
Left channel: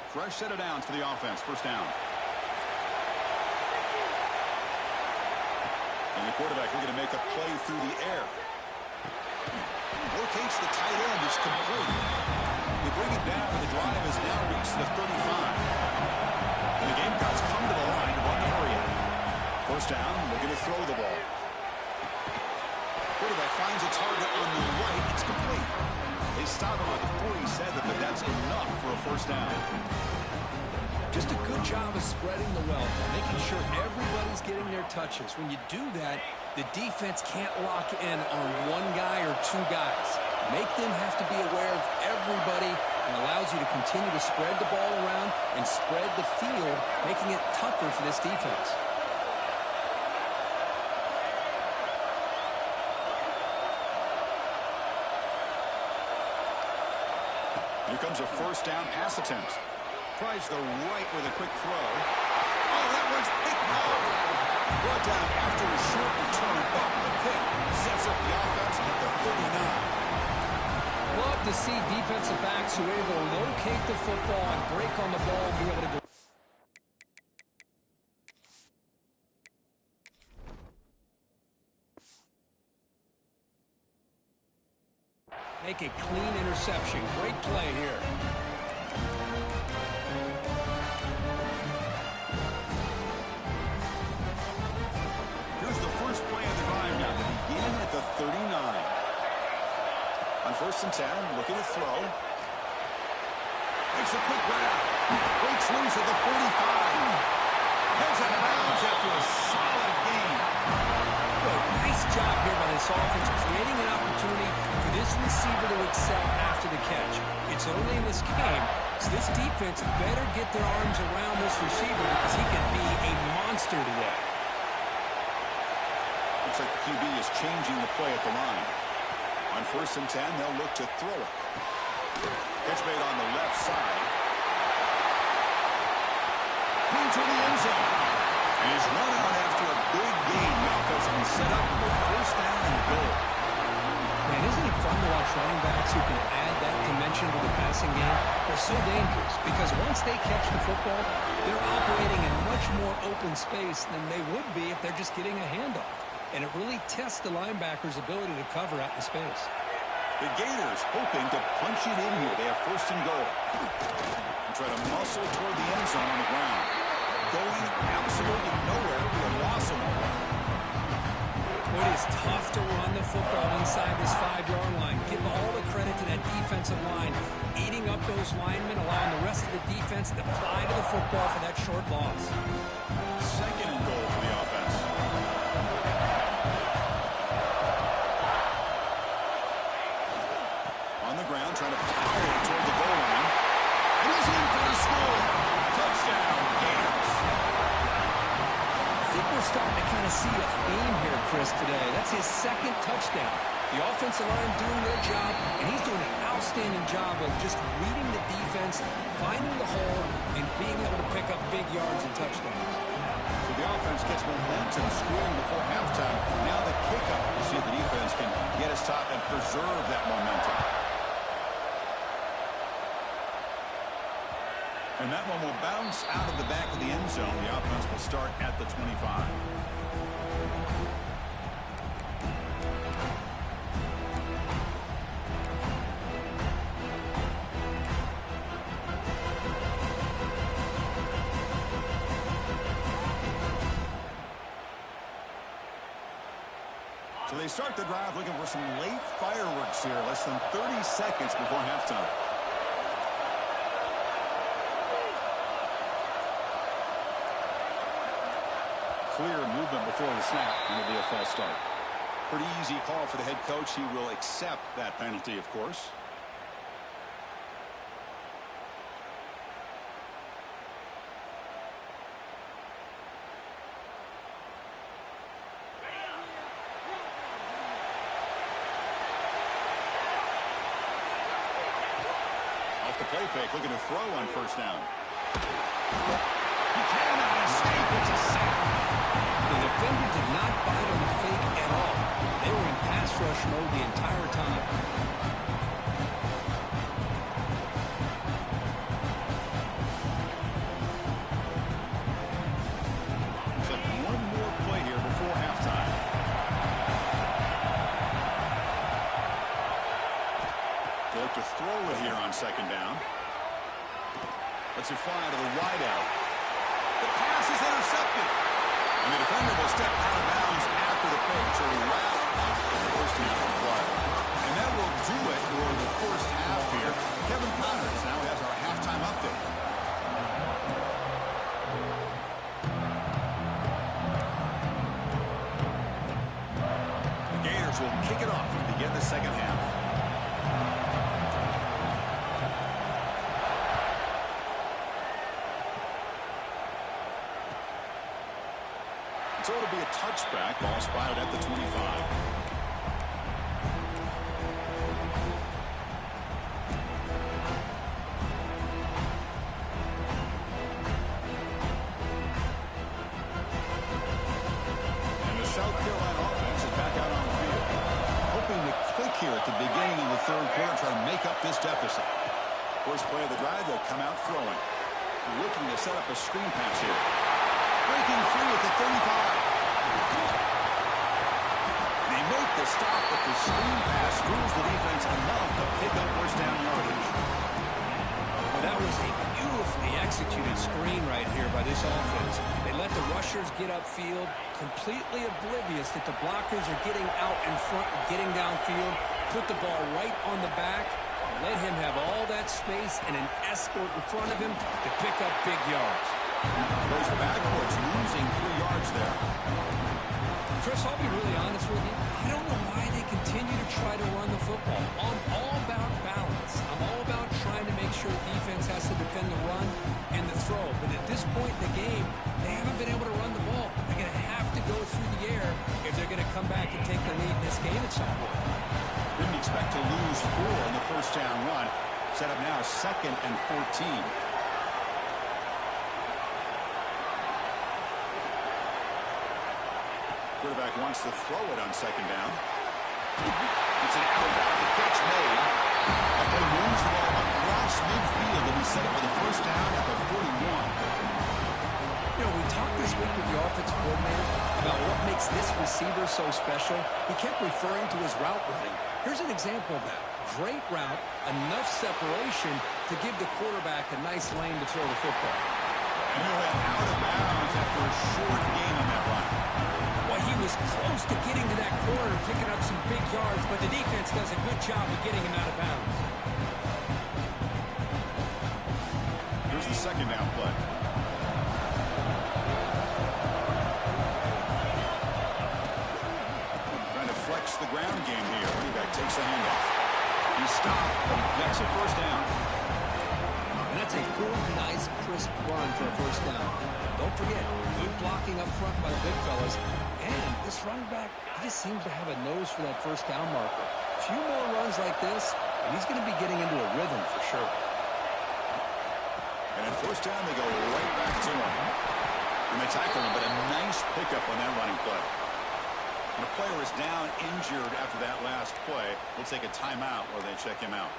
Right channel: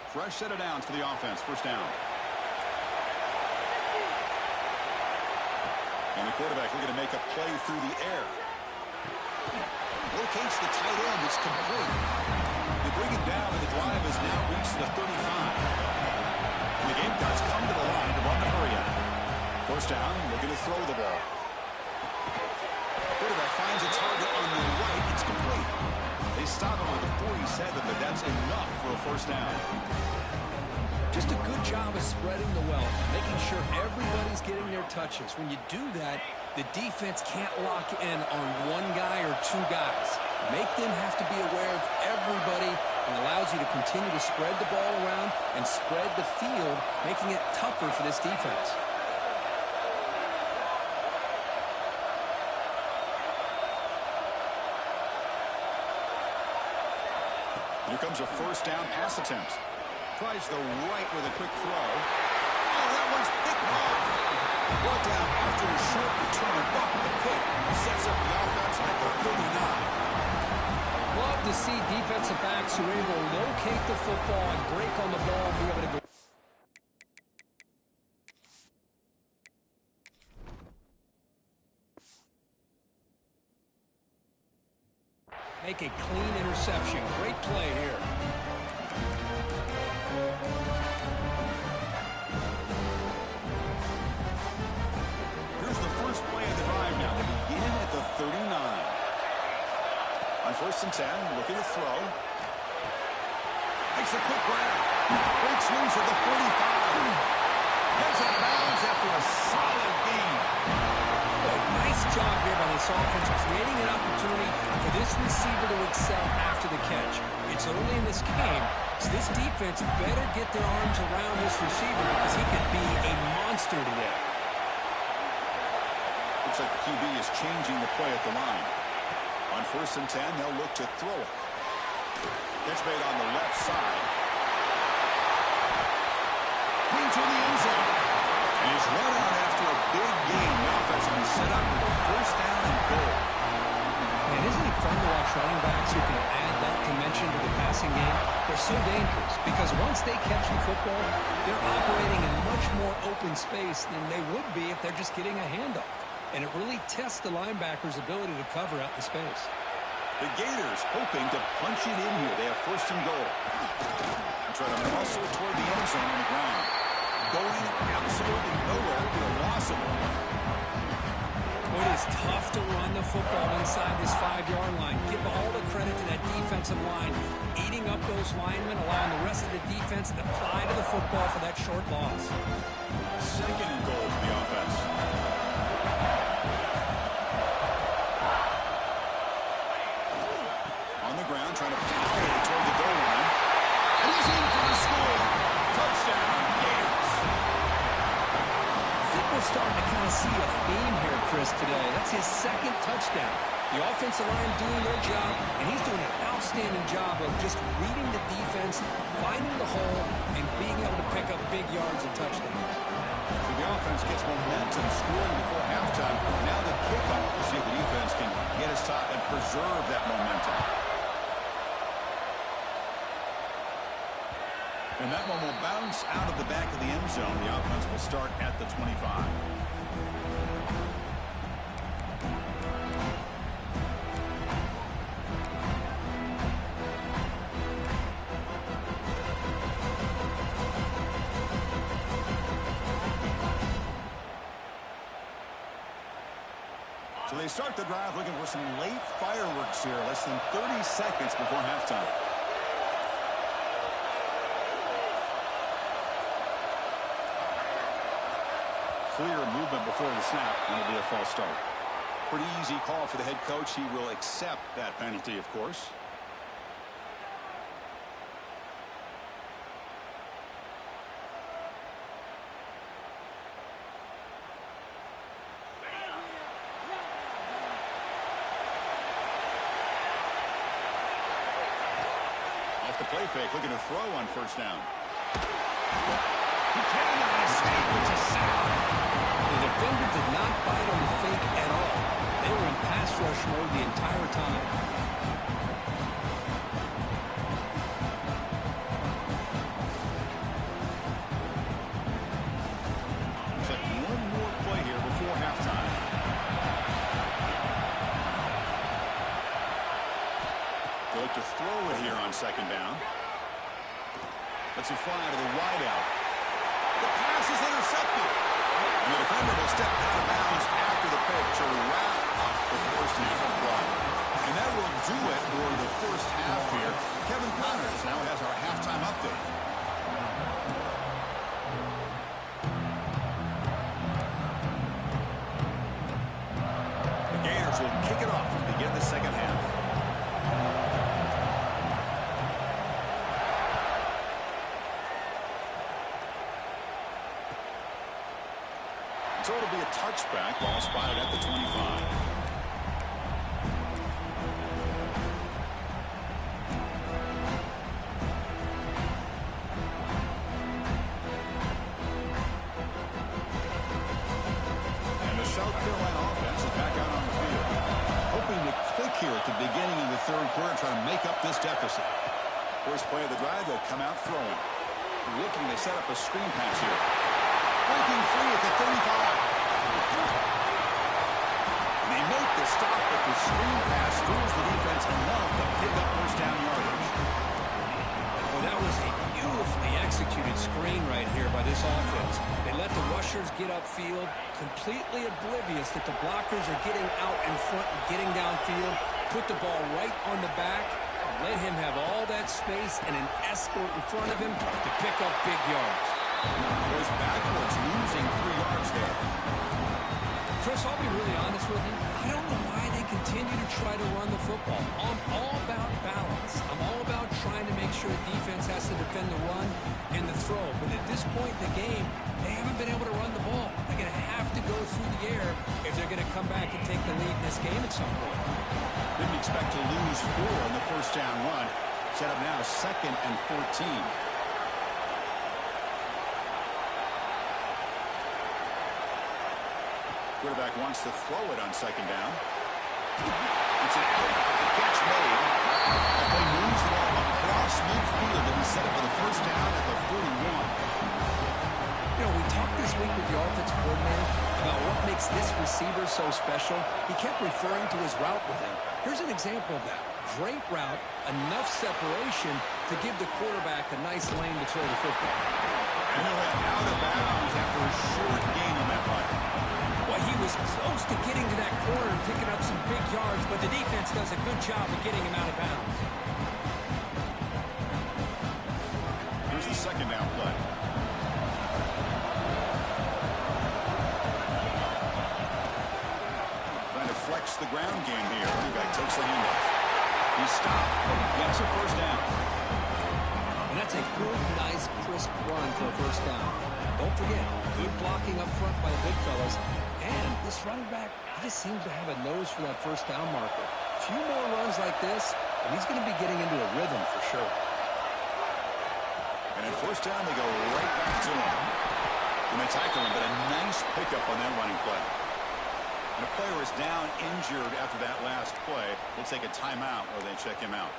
Fresh set of downs for the offense. First down. And the quarterback looking to make a play through the air. Locates the tight end. It's complete. They bring it down, but the drive has now reached the 35. And the Gamecocks come to the line to run the hurry out. First down, looking to throw the ball. Quarterback finds a target on the right. It's complete. They stop him at the 47, but that's enough for a first down. Just a good job of spreading the wealth, making sure everybody's getting their touches. When you do that, the defense can't lock in on one guy or two guys. Make them have to be aware of everybody, and allows you to continue to spread the ball around and spread the field, making it tougher for this defense. Here comes a first down pass attempt. Tries the right with a quick throw. Oh, that one's picked off. Brought down after a short return, but the pick sets up the offense at the 39. Love to see defensive backs who are able to locate the football and break on the ball and be able to go. Make a clean interception. Great play here. Here's the first play of the drive now to begin at the 39. On first and 10, looking to throw. Makes a quick grab. Breaks loose at the 45. Heads out of bounds after a solid gain. Boy, nice job here by this offense, creating an opportunity for this receiver to excel after the catch. It's early in this game, so this defense better get their arms around this receiver because he could be a monster today. Looks like the QB is changing the play at the line. On first and 10, they'll look to throw it. Catch made on the left side. Clean through the end zone. And he's run out after a big gain. The offense will be set up with a first down and goal. Man, isn't it fun to watch running backs who can add that dimension to the passing game? They're so dangerous because once they catch the football, they're operating in much more open space than they would be if they're just getting a handoff. And it really tests the linebacker's ability to cover out in space. The Gators hoping to punch it in here. They have first and goal. And try to muscle toward the end zone on the ground. Going absolutely nowhere. It'll be a loss of one. Boy, it is tough to run the football inside this 5-yard line. Give all the credit to that defensive line. Eating up those linemen, allowing the rest of the defense to fly to the football for that short loss. Second and goal for the offense. On the ground, trying to power it toward the goal line. And he's in for the score. Touchdown, Gators. I think we're starting to kind of see a theme here, Chris, today. That's his second touchdown. The offensive line doing their job, and he's doing an outstanding job of just reading the defense, finding the hole, and being able to pick up big yards and touchdowns. So the offense gets momentum, scoring before halftime. Now the kickoff. We'll see if the defense can get his top and preserve that momentum. And that one will bounce out of the back of the end zone. The offense will start at the 25. So they start the drive looking for some late fireworks here. Less than 30 seconds before halftime. Clear movement before the snap, and it'll be a false start. Pretty easy call for the head coach. He will accept that penalty, of course. Off the play fake, looking to throw on first down. He cannot escape. It's a sack. The defender did not bite on the fake at all. They were in pass rush mode the entire time. Looks like one more play here before halftime. second down. Let's it fly to the wideout. The pass is intercepted. And the defender will step out of bounds after the pick to wrap up the first half of play. And that will do it for the first half here. Kevin Connors now has our halftime update. The Gators will kick it off to begin the second half. So it'll be a touchback. Ball spotted at the 25. And the South Carolina offense is back out on the field. Hoping to click here at the beginning of the third quarter, try to make up this deficit. First play of the drive, they'll come out throwing. Looking to set up a screen pass here. Breaking free at the 35. They make the stop, but the screen pass fools the defense enough to pick up first down yardage. Well, that was a beautifully executed screen right here by this offense. They let the rushers get upfield, completely oblivious that the blockers are getting out in front and getting downfield, put the ball right on the back, let him have all that space and an escort in front of him to pick up big yards. Goes backwards, losing 3 yards there. Chris, I'll be really honest with you. I don't know why they continue to try to run the football. I'm all about balance. I'm all about trying to make sure defense has to defend the run and the throw. But at this point in the game, they haven't been able to run the ball. They're going to have to go through the air if they're going to come back and take the lead in this game at some point. Didn't expect to lose 4 in the first down run. Set up now 2nd and 14. Quarterback wants to throw it on second down. It's an outbound. The catch made. That play moves the ball across midfield, and he set it for the first down at the 41. You know, we talked this week with the offensive coordinator about what makes this receiver so special. He kept referring to his route running. Here's an example of that. Great route, enough separation to give the quarterback a nice lane to throw the football. And he'll head out of bounds after a short gain on that run. Well, he was close to getting to that corner and picking up some big yards, but the defense does a good job of getting him out of bounds. Here's the second down play. Trying to flex the ground game here. Running back takes the handoff. He stopped, but he gets a first down. And that's a good, nice, crisp run for a first down. Don't forget, good blocking up front by the big fellas. And this running back, he just seems to have a nose for that first down marker. A few more runs like this, and he's going to be getting into a rhythm for sure. And at first down, they go right back to him. And they tackle him, but a nice pickup on that running play. And a player is down injured after that last play. We'll take a timeout while they check him out.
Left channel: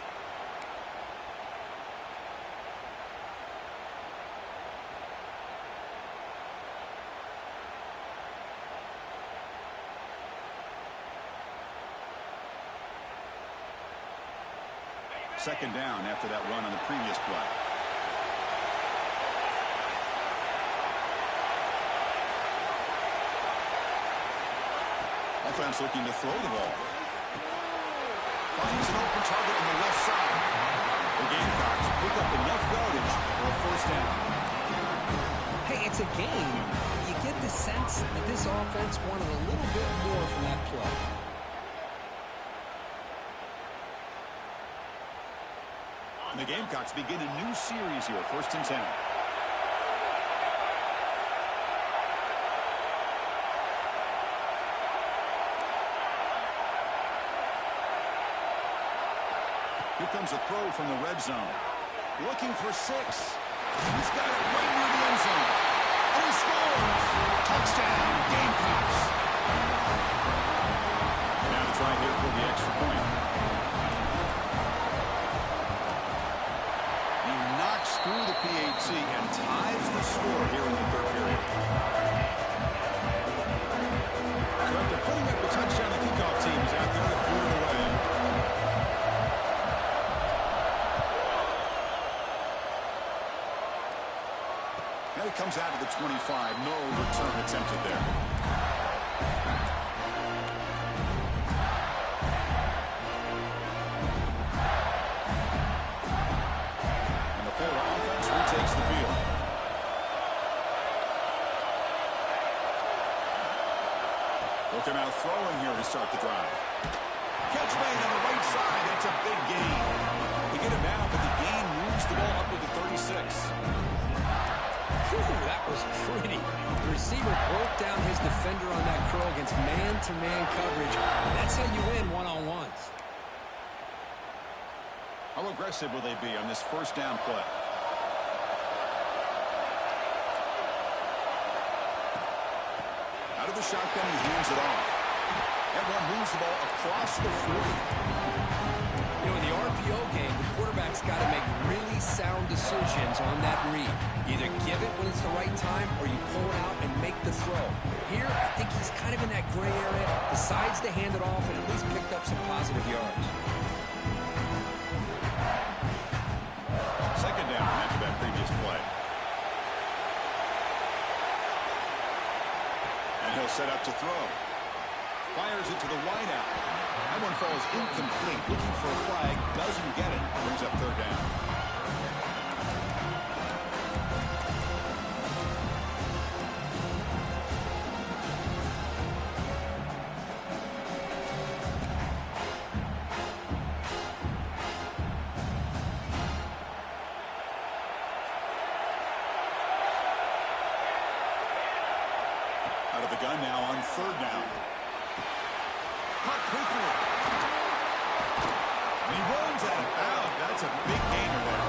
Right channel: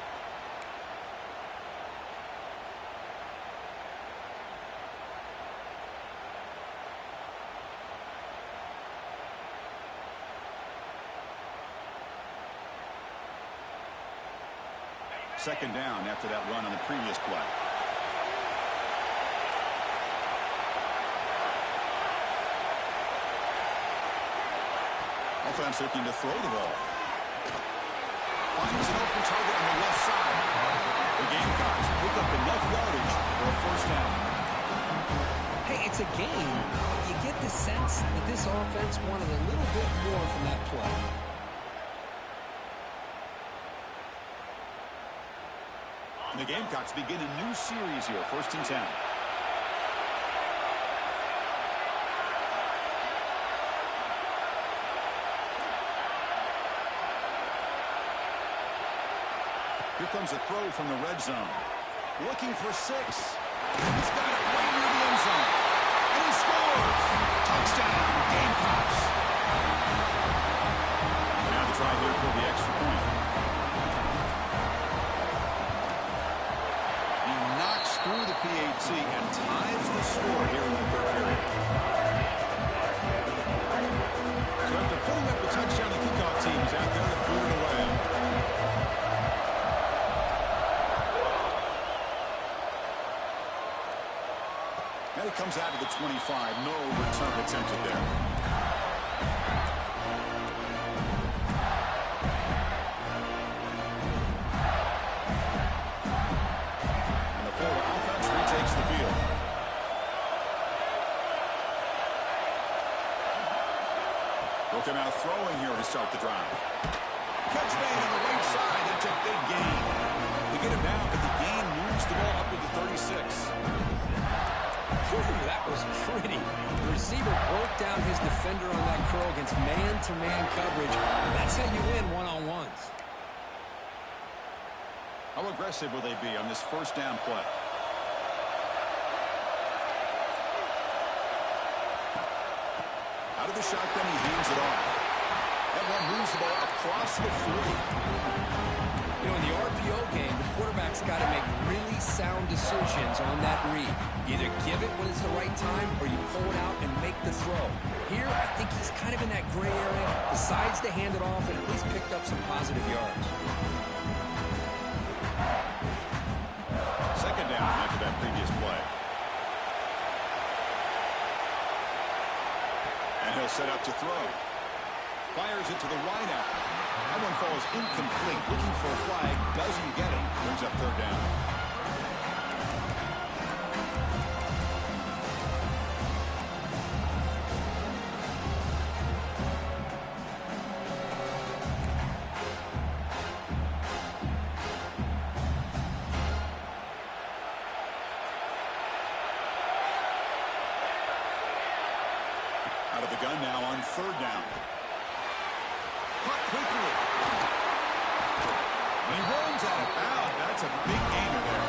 Second down after that run on the previous play. Offense looking to throw the ball. Finds an open target on the left side. The Gamecocks pick up enough yardage for a first down. Hey, it's a game. You get the sense that this offense wanted a little bit more from that play. And the Gamecocks begin a new series here, 1st and 10. Here comes a throw from the red zone. Looking for 6. He's got it right near the end zone. And he scores! Touchdown, Gamecocks! Now to try here for the extra point. Through the PAT and ties the score here in the third period. So after putting up the touchdown, the kickoff team is out there to boot it away. comes out of the 25. No return attempted there. And the Florida offense retakes the field. They'll come out throwing here to start the drive. Catch made on the right side. That's a big gain. They get him down, but the gain moves the ball up to the 36. Whew, that was pretty. The receiver broke down his defender on that curl against man-to-man coverage. That's how you win one-on-ones. How aggressive will they be on this first down play? Out of the shotgun, he hands it off. That one moves the ball across the 40. You know, in the RPO game, the quarterback's got to make really sound decisions on that read. You either give it when it's the right time or you pull it out and make the throw. Here, I think he's kind of in that gray area, decides to hand it off and at least picked up some positive yards. Second down after that previous play. And he'll set up to throw. Fires it to the wideout. That one falls incomplete. Looking for a flag. Doesn't get it. Brings up third down. Out of the gun now on third down. Caught quickly. And he runs out of bounds. That's a big gainer there.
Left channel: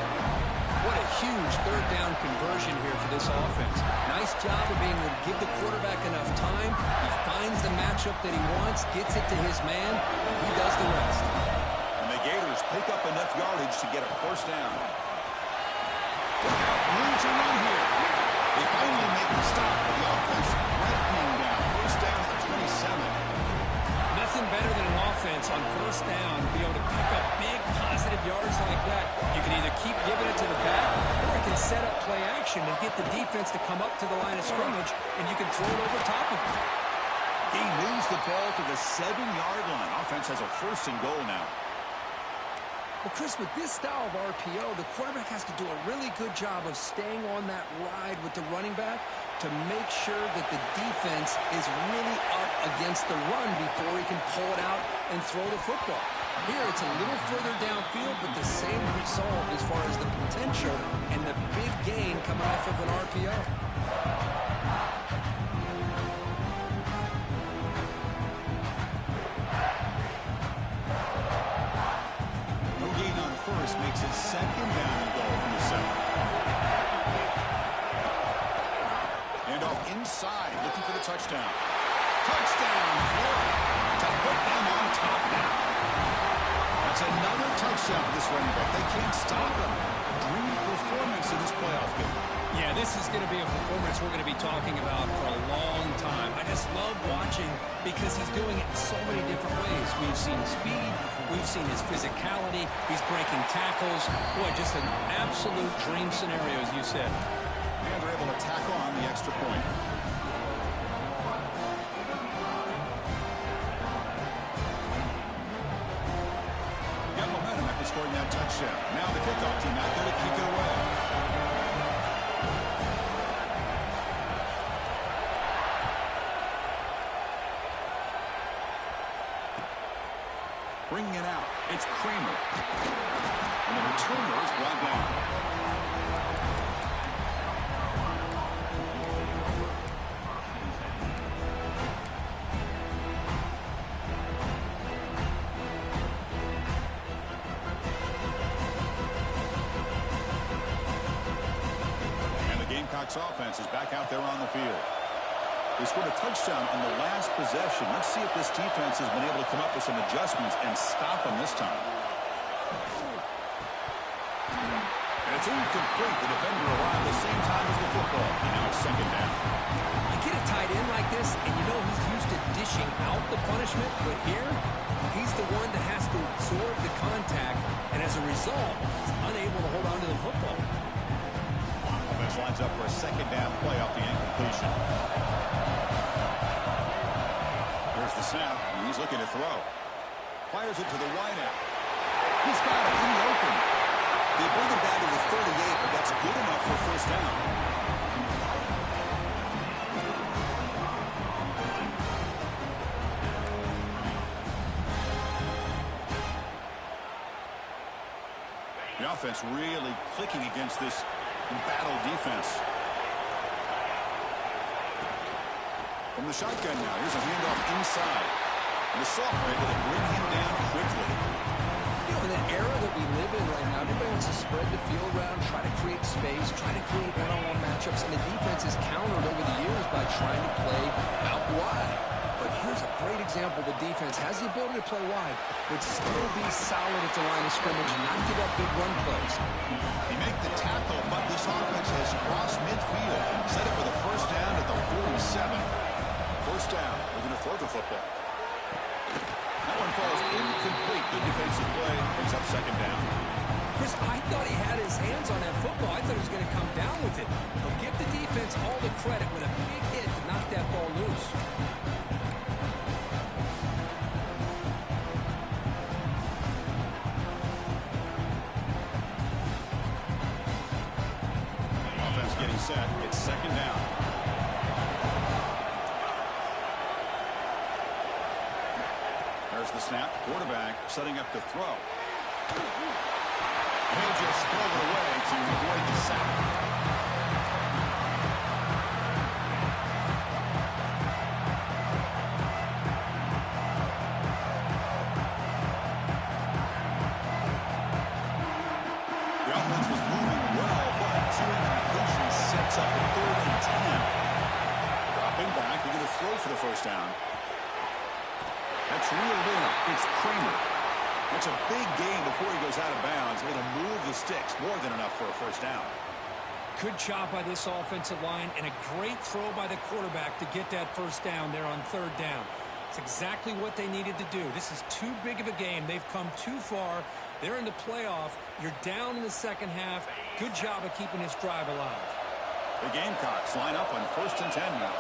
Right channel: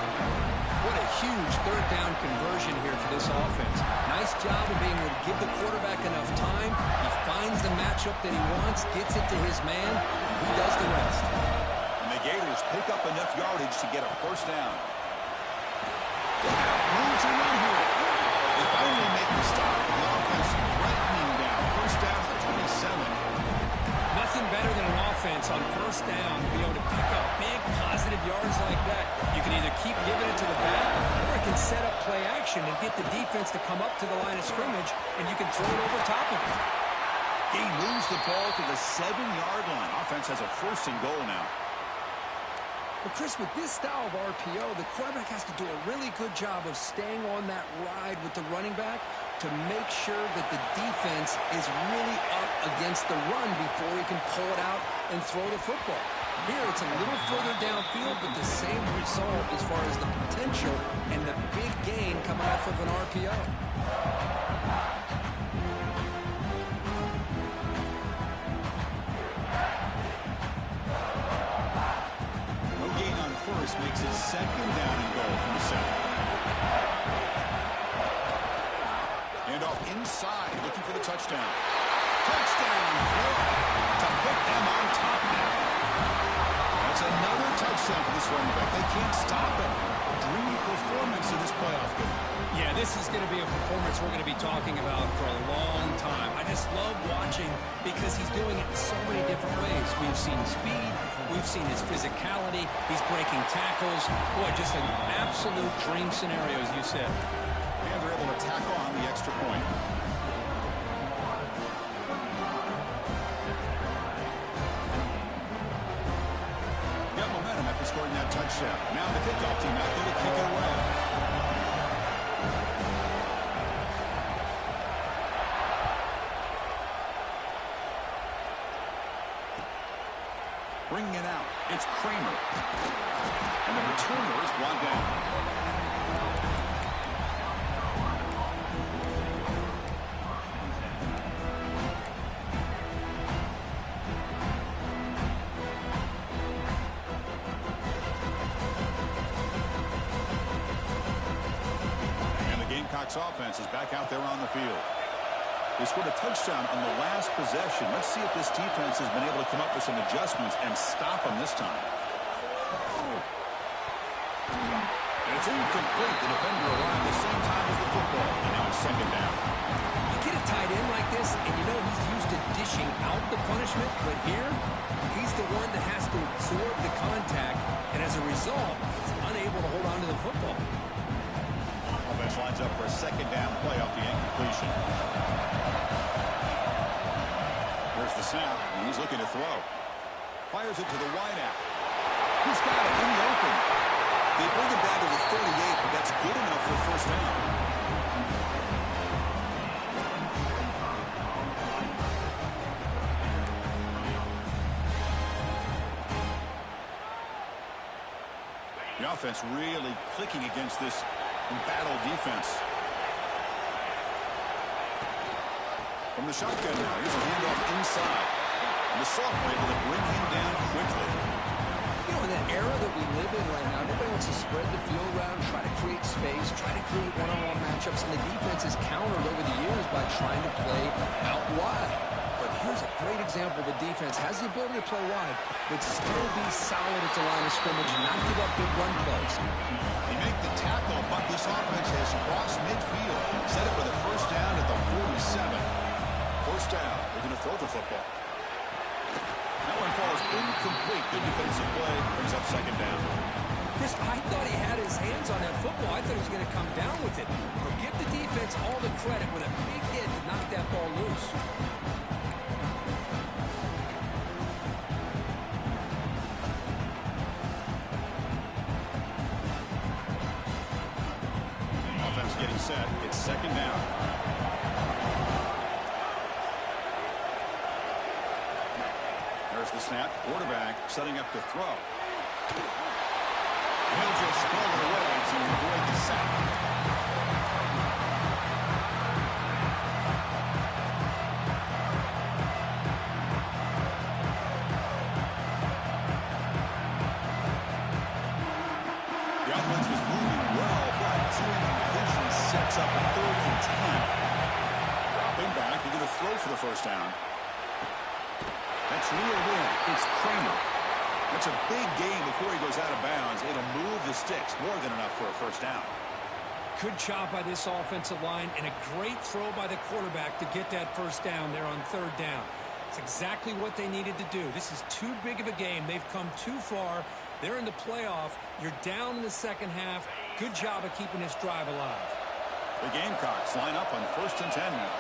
What a huge third down conversion here for this offense. Nice job of being able to give the quarterback enough time. He finds the matchup that he wants, gets it to his man, and he does the rest. And the Gators pick up enough yardage to get a first down. Look out, room to run here. They finally make the stop, but the offense threatening down. First down to the 27. Nothing better than an offense on first down to be able to pick up big positive yards like that. You can either keep giving it to the back or it can set up play action and get the defense to come up to the line of scrimmage and you can throw it over top of it. He moves the ball to the 7-yard line. Offense has a first and goal now. Well, Chris, with this style of RPO, the quarterback has to do a really good job of staying on that ride with the running back to make sure that the defense is really up against the run before he can pull it out and throw the football. Here, it's a little further downfield, but the same result as far as the potential and the big gain coming off of an RPO. First makes it second down and goal from the 7. Hand off inside, looking for the touchdown. Touchdown, Florida, to put them on top now. That's another touchdown for this running back. They can't stop him. Dream performance in this playoff game. Yeah, this is going to be a performance we're going to be talking about for a long time. I just love watching because he's doing it in so many different ways. We've seen speed. We've seen his physicality. He's breaking tackles. Boy, just an absolute dream scenario, as you said. And they're able to tack on the extra point. Got momentum after scoring that touchdown. Now the kickoff team out there to kick it away. Bringing it out, it's Kramer. And the returner is brought down. And the Gamecocks offense is back out there on the field. They scored a touchdown on the last possession. Let's see if this defense has been able to come up with some adjustments and stop them this time. And it's incomplete. The defender arrived the same time as the football. And now it's second down. You get a tight end like this, and you know he's used to dishing out the punishment. But here, he's the one that has to absorb the contact. And as a result, he's unable to hold on to the football. Offense offense lines up for a second down play off the incompletion. Here's the snap, and he's looking to throw. Fires it to the wideout. He's got it in the open. They bring him down to the 38, but that's good enough for a first down. The offense really clicking against this embattled defense. From the shotgun now, here's a handoff inside. And the sophomore able to bring him down quickly. You know, in that era that we live in right now, everybody wants to spread the field around, try to create space, try to create one-on-one matchups, and the defense is countered over the years by trying to play out wide. But here's a great example. The defense has the ability to play wide, but still be solid at the line of scrimmage and not give up big run plays. They make the tackle, but this offense has crossed midfield. Set up with a first down at the 47. First down. We're going to throw the football. That one falls incomplete. Good defensive play. Brings up second down. Chris, I thought he had his hands on that football. I thought he was going to come down with it. But give the defense all the credit with a big hit to knock that ball loose. Offense getting set. It's second down. There's the snap. Quarterback setting up to throw. He'll just throw it away to avoid the sack. The offense was moving well, but two incompletions sets up a 3rd and 10. Dropping back, they're going to throw for the first down. That's reeled in. It's Kramer. That's a big gain before he goes out of bounds. It'll move the sticks. More than enough for a first down. Good job by this offensive line and a great throw by the quarterback to get that first down there on 3rd down. It's exactly what they needed to do. This is too big of a game. They've come too far. They're in the playoff. You're down in the second half. Good job of keeping this drive alive. The Gamecocks line up on 1st and 10 now.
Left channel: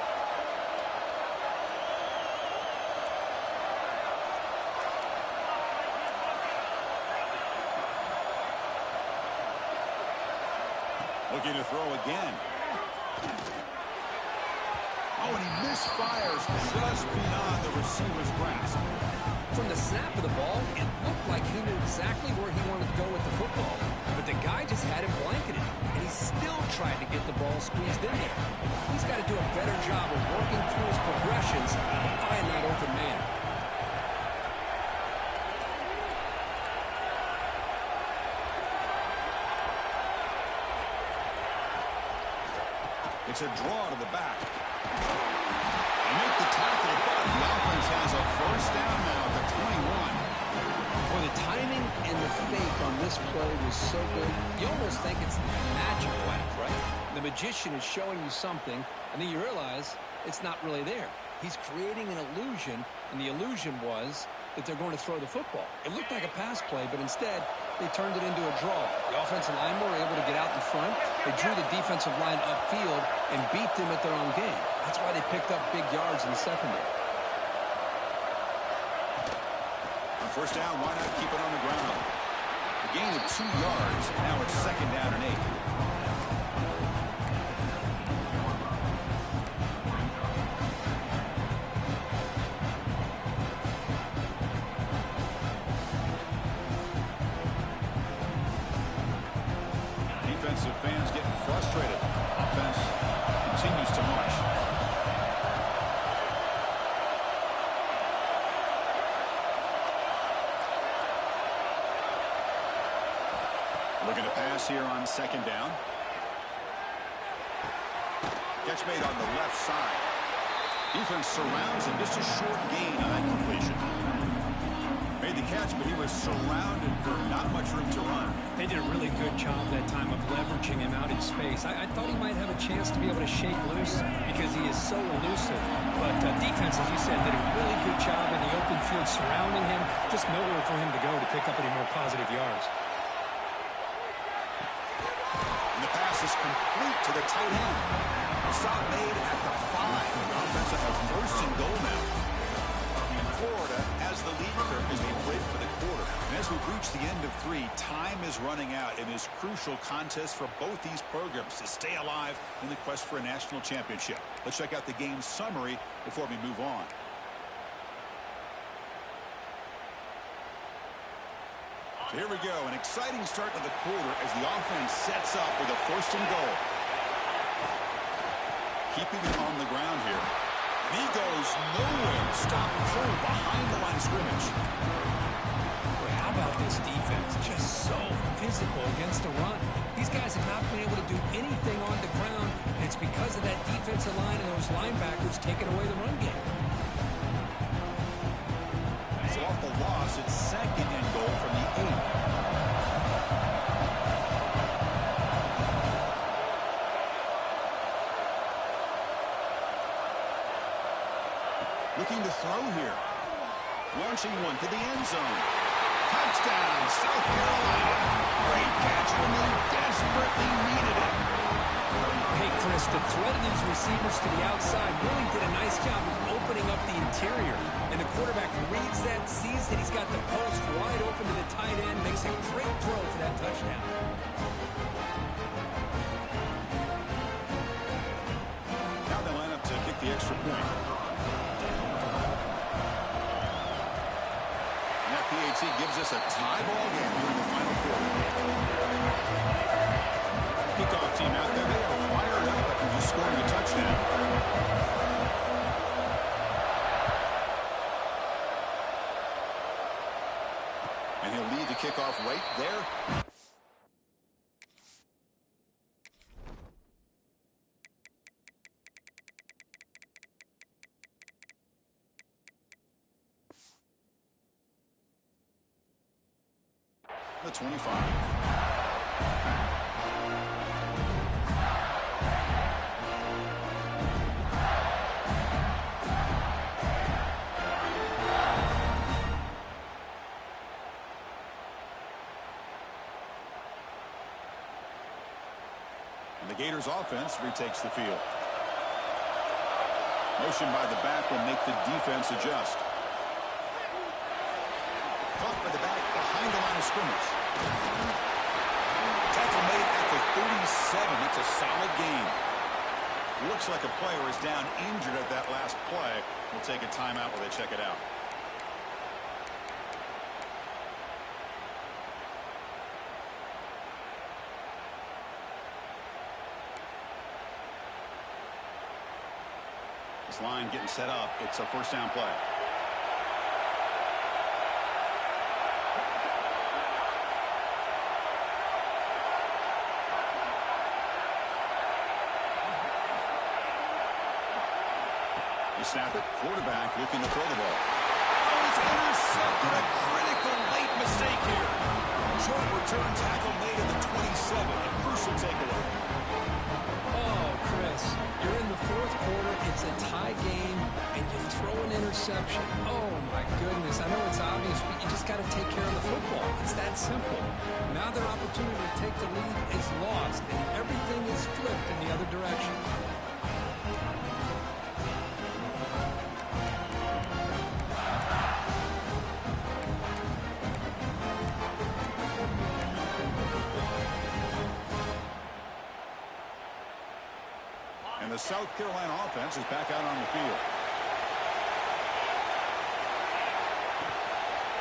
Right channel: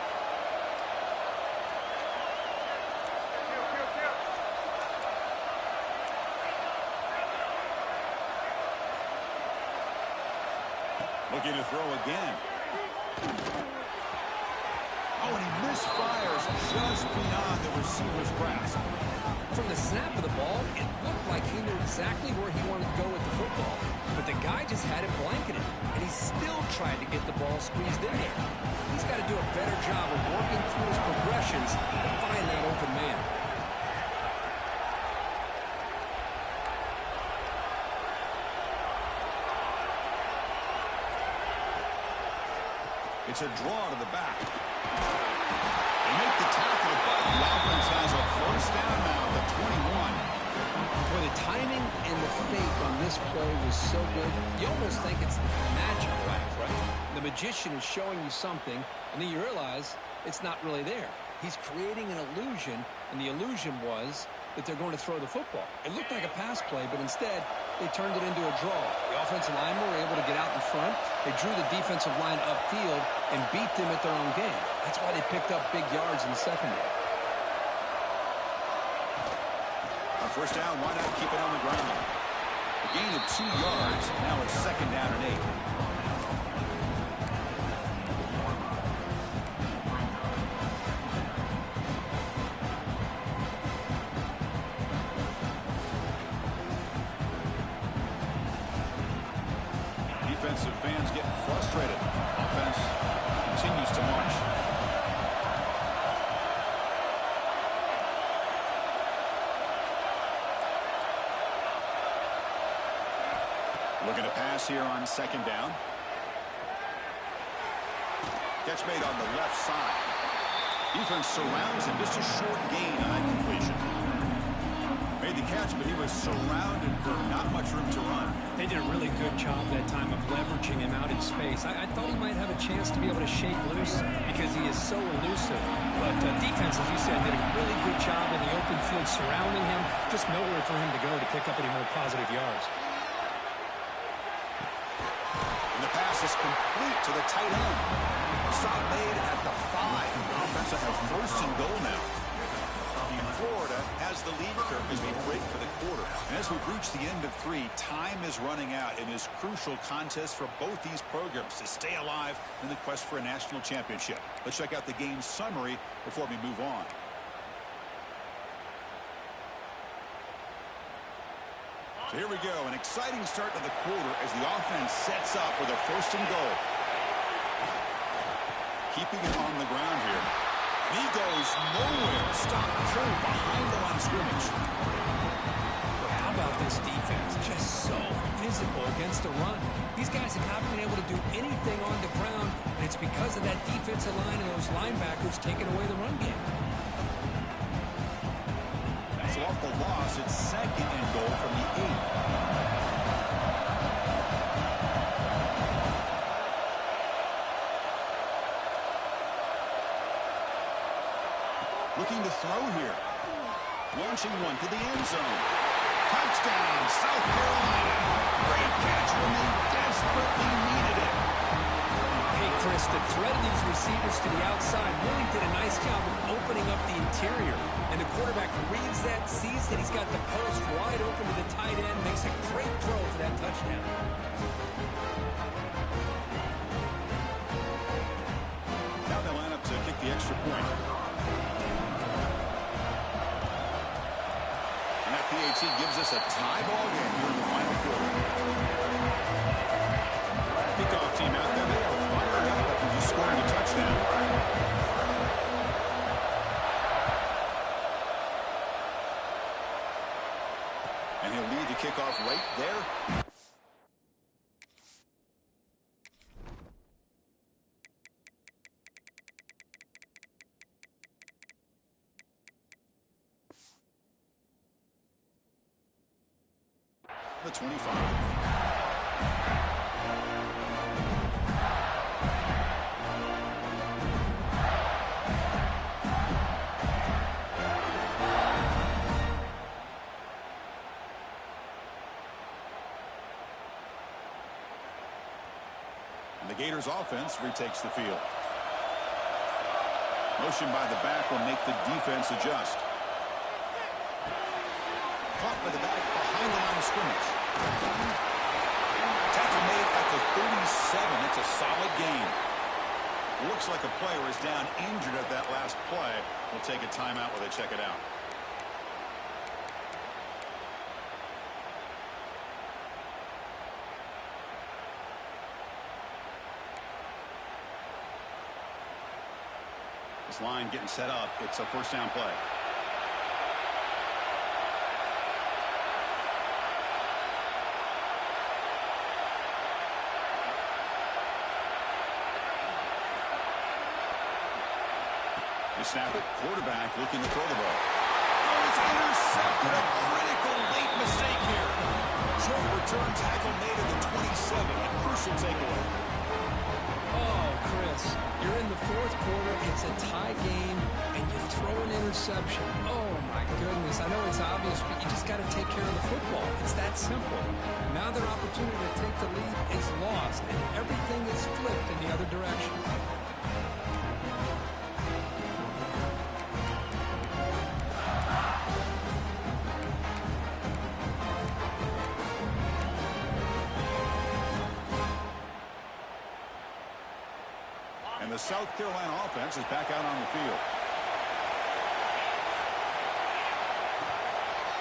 Looking to throw again. Oh, and he misfires just beyond the receiver's grasp. From the snap of the ball, it looked like he knew exactly where he wanted to go with the football. But the guy just had it blanketed, and he still tried to get the ball squeezed in there. He's got to do a better job of working through his progressions to find that open man. It's a draw to the back. They make the tackle, but the offense has a first down now at the 21. Boy, the timing and the fake on this play was so good. You almost think it's a magical act, right? The magician is showing you something, and then you realize it's not really there. He's creating an illusion, and the illusion was that they're going to throw the football. It looked like a pass play, but instead, they turned it into a draw. The offensive linemen were able to get out in front. They drew the defensive line upfield and beat them at their own game. That's why they picked up big yards in the secondary. On first down, why not keep it on the ground? A gain of 2 yards. Now it's second down and 8. Defensive fans getting frustrated. Offense continues to march. Looking to pass here on second down. Catch made on the left side. Defense surrounds him. Just a short gain on that completion. Made the catch, but he was surrounded for not much room to run. They did a really good job that time of leveraging him out in space. I thought he might have a chance to be able to shake loose because he is so elusive. But defense, as you said, did a really good job in the open field surrounding him. Just nowhere for him to go to pick up any more positive yards. And the pass is complete to the tight end. Stop made at the 5. The offense will have first and goal now. Florida has the lead, Kirk, as we break for the quarter. And as we've reached the end of 3, time is running out in this crucial contest for both these programs to stay alive in the quest for a national championship. Let's check out the game summary before we move on. So here we go, an exciting start to the quarter as the offense sets up with a first and goal. Keeping it on the ground here. And he goes nowhere. Stop pulled behind the line of scrimmage. Boy, how about this defense? Just so physical against the run. These guys have not been able to do anything on the ground, and it's because of that defensive line and those linebackers taking away the run game. So off the loss, it's second and goal from the 8. Looking to throw here. Launching one to the end zone. Touchdown, South Carolina. Great catch when they desperately needed it. Hey, Chris, the threat of these receivers to the outside really did a nice job of opening up the interior. And the quarterback reads that, sees that he's got the post wide open to the tight end, makes a great throw for that touchdown. Now they line up to kick the extra point. And that PAT gives us a tie ball game here in the final quarter. Kickoff team out there, they are fired up after just scoring a touchdown. And he'll lead the kickoff right there. The 25. And the Gators offense retakes the field. Motion by the back will make the defense adjust. Caught by the back behind the line of scrimmage. Tackle made at the 37. That's a solid game. Looks like a player is down injured at that last play. We'll take a timeout while they check it out. This line getting set up. It's a first down play. They snap it. Quarterback looking to throw the ball. Oh, it's intercepted. A critical late mistake here. Short return tackle made at the 27. A crucial takeaway. Oh, Chris, you're in the fourth quarter. It's a tie game, and you throw an interception. Oh, my goodness. I know it's obvious, but you just got to take care of the football. It's that simple. Now their opportunity to take the lead is lost, and everything is flipped in the other direction. And the South Carolina offense is back out on the field.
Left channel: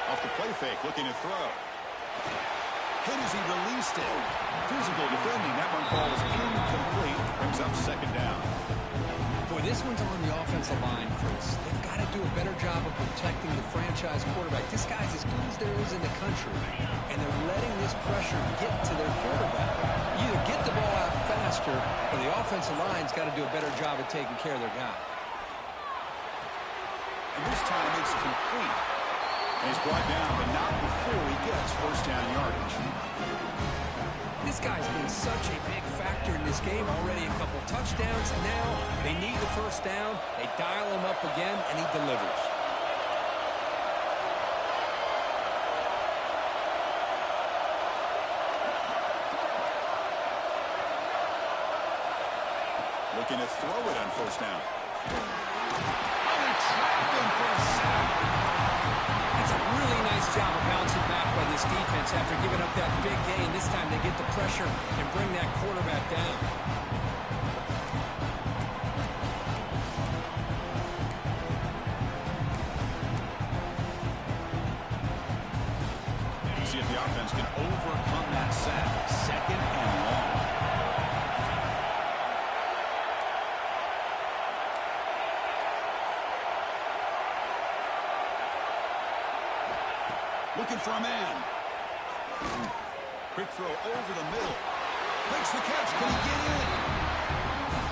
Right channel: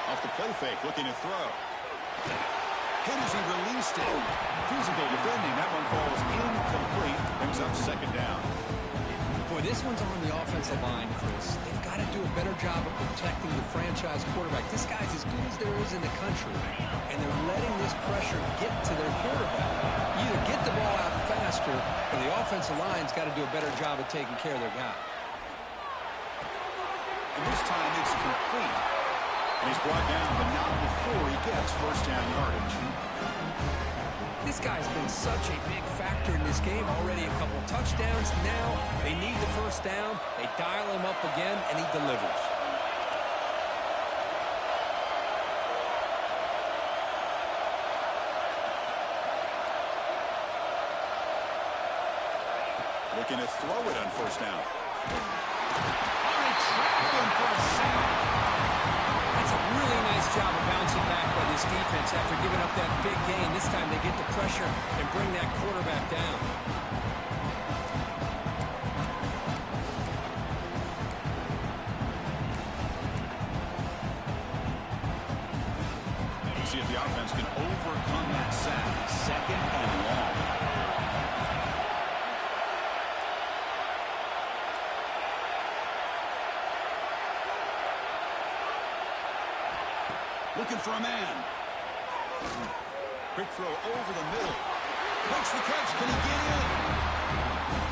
Off the play fake, looking to throw. Hit as he released it. Physical defending. That one falls incomplete. Brings up second down. Boy, this one's on the offensive line, Chris. They've got to do a better job of protecting the franchise quarterback. This guy's as good as there is in the country, and they're letting this pressure get to their quarterback. You either get the ball out faster, or the offensive line's got to do a better job of taking care of their guy. And this time it's complete. And he's brought down, but not before he gets first down yardage. This guy's been such a big factor in this game. Already a couple touchdowns. Now they need the first down. They dial him up again, and he delivers. Looking to throw it on first down. Oh, they trapped him for a sack. That's a really nice job of bouncing back by this defense after giving up that big gain. This time they get the pressure and bring that quarterback down. See if the offense can overcome that sack. Second and long. Looking for a man. Quick throw over the middle. Makes the catch. Can he get in?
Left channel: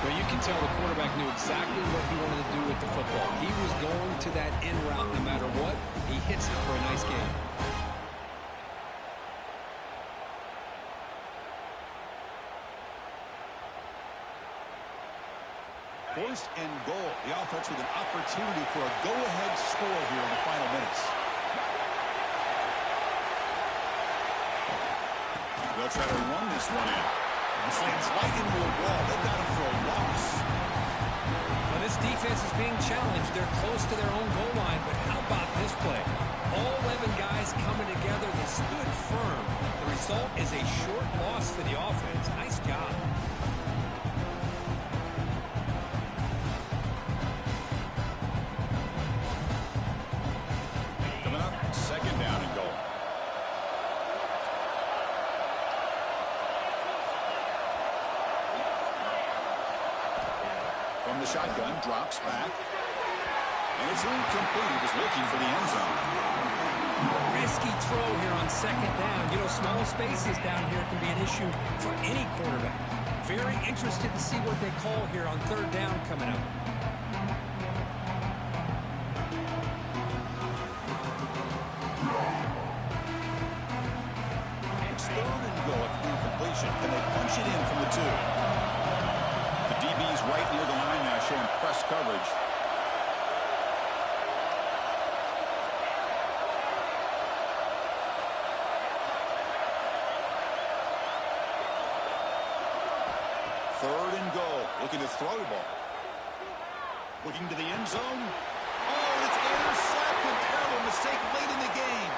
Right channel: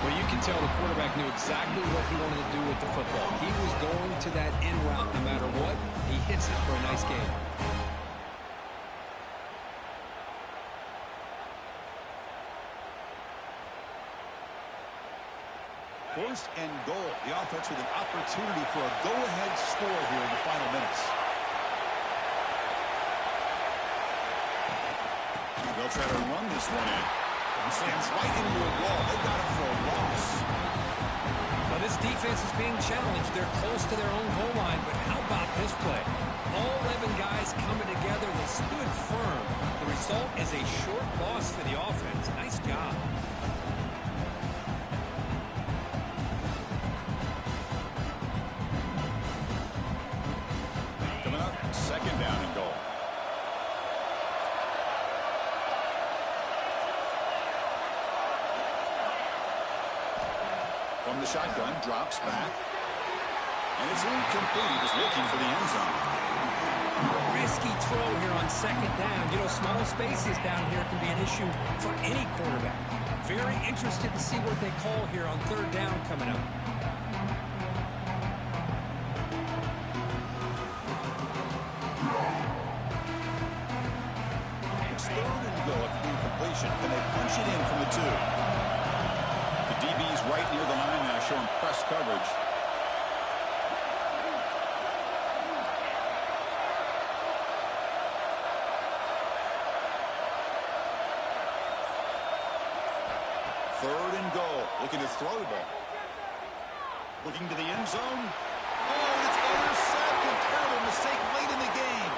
Well, you can tell the quarterback knew exactly what he wanted to do with the football. He was going to that in route no matter what. He hits it for a nice gain. First and goal. The offense with an opportunity for a go-ahead score here in the final minutes. They'll try to run this one in. He slams right into a wall. They've got him for a loss. Well, this defense is being challenged. They're close to their own goal line, but how about this play? All 11 guys coming together. They stood firm. The result is a short loss for the offense. Nice job. Coming up, second down and goal. From the shotgun, drops back. And it's incomplete. He was looking for the end zone. Risky throw here on second down. You know, small spaces down here can be an issue for any quarterback. Very interested to see what they call here on third down coming up. It's third and goal after the completion. Can they punch it in from the 2? The DB's right near the line now, showing press coverage. Third and goal. Looking to throw the ball. Looking to the end zone. Oh, it's intercepted. Terrible mistake late in the game.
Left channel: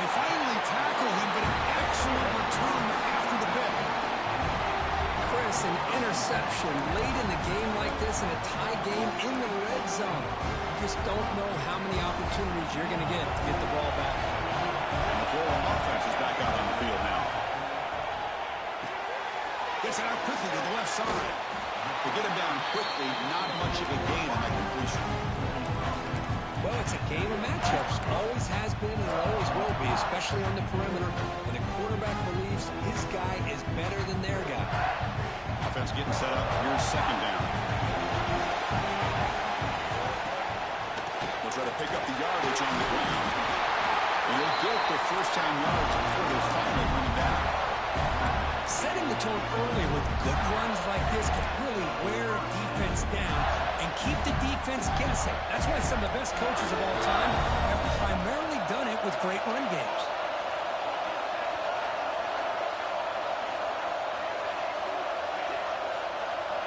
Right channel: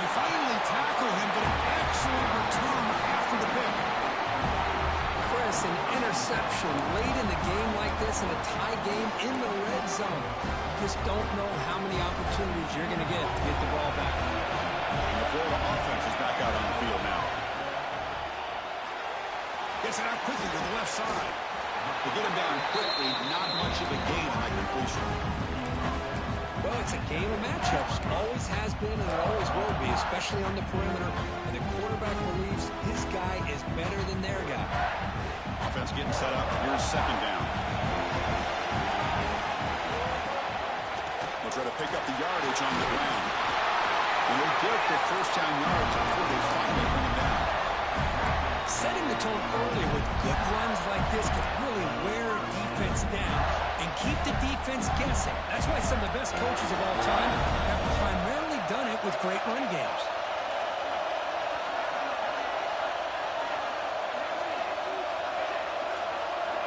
They finally tackle him, but an excellent return after the pick. Chris, an interception late in the game like this in a tie game in the red zone. You just don't know how many opportunities you're going to get the ball back. And the Florida offense is back out on the field now. Gets it out quickly to the left side. To get him down quickly, not much of a gain on that completion. Well, it's a game of matchups. Always has been and it always will be, especially on the perimeter. And the quarterback believes his guy is better than their guy. Offense getting set up. Here's second down. They'll try to pick up the yardage on the ground. And they'll get the first down yards before they finally bring him down. Setting the tone early with good runs like this can really wear a defense down and keep the defense guessing. That's why some of the best coaches of all time have primarily done it with great run games.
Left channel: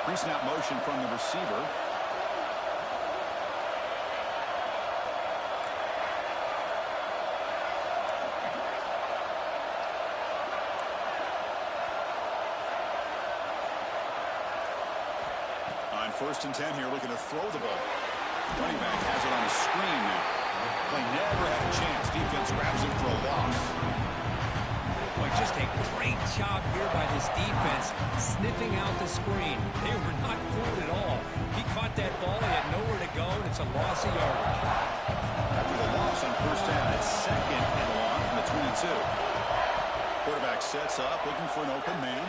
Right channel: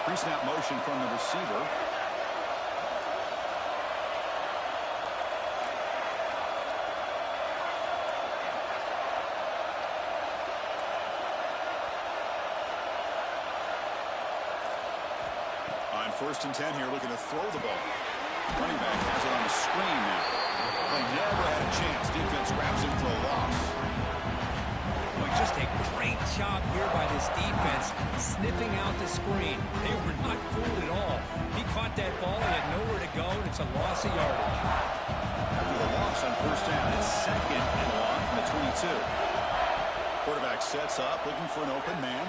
Pre-snap motion from the receiver. On first and 10 here, looking to throw the ball. Running back has it on the screen now. Play never had a chance. Defense grabs him for a loss. Boy, just a great job here by this defense, sniffing out the screen. They were not fooled at all. He caught that ball, he had nowhere to go, and it's a loss of yardage. After the loss on first down, it's second and long from the 22. Quarterback sets up, looking for an open man.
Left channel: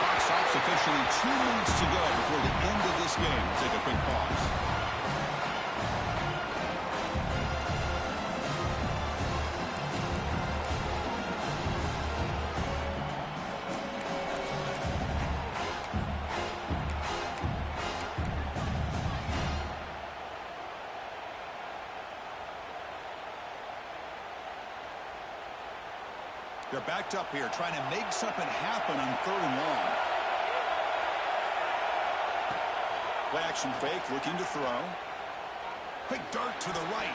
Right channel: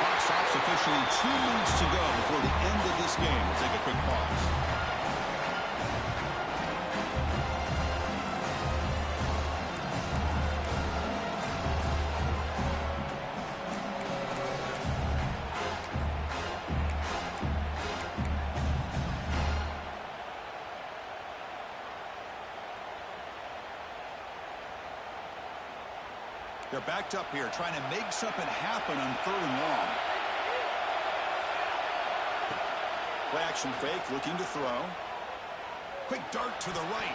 Clock stops officially 2 minutes to go before the end of this game. We'll take a quick pause. They're backed up here, trying to make something happen on third and long. Play action fake, looking to throw. Quick dart to the right.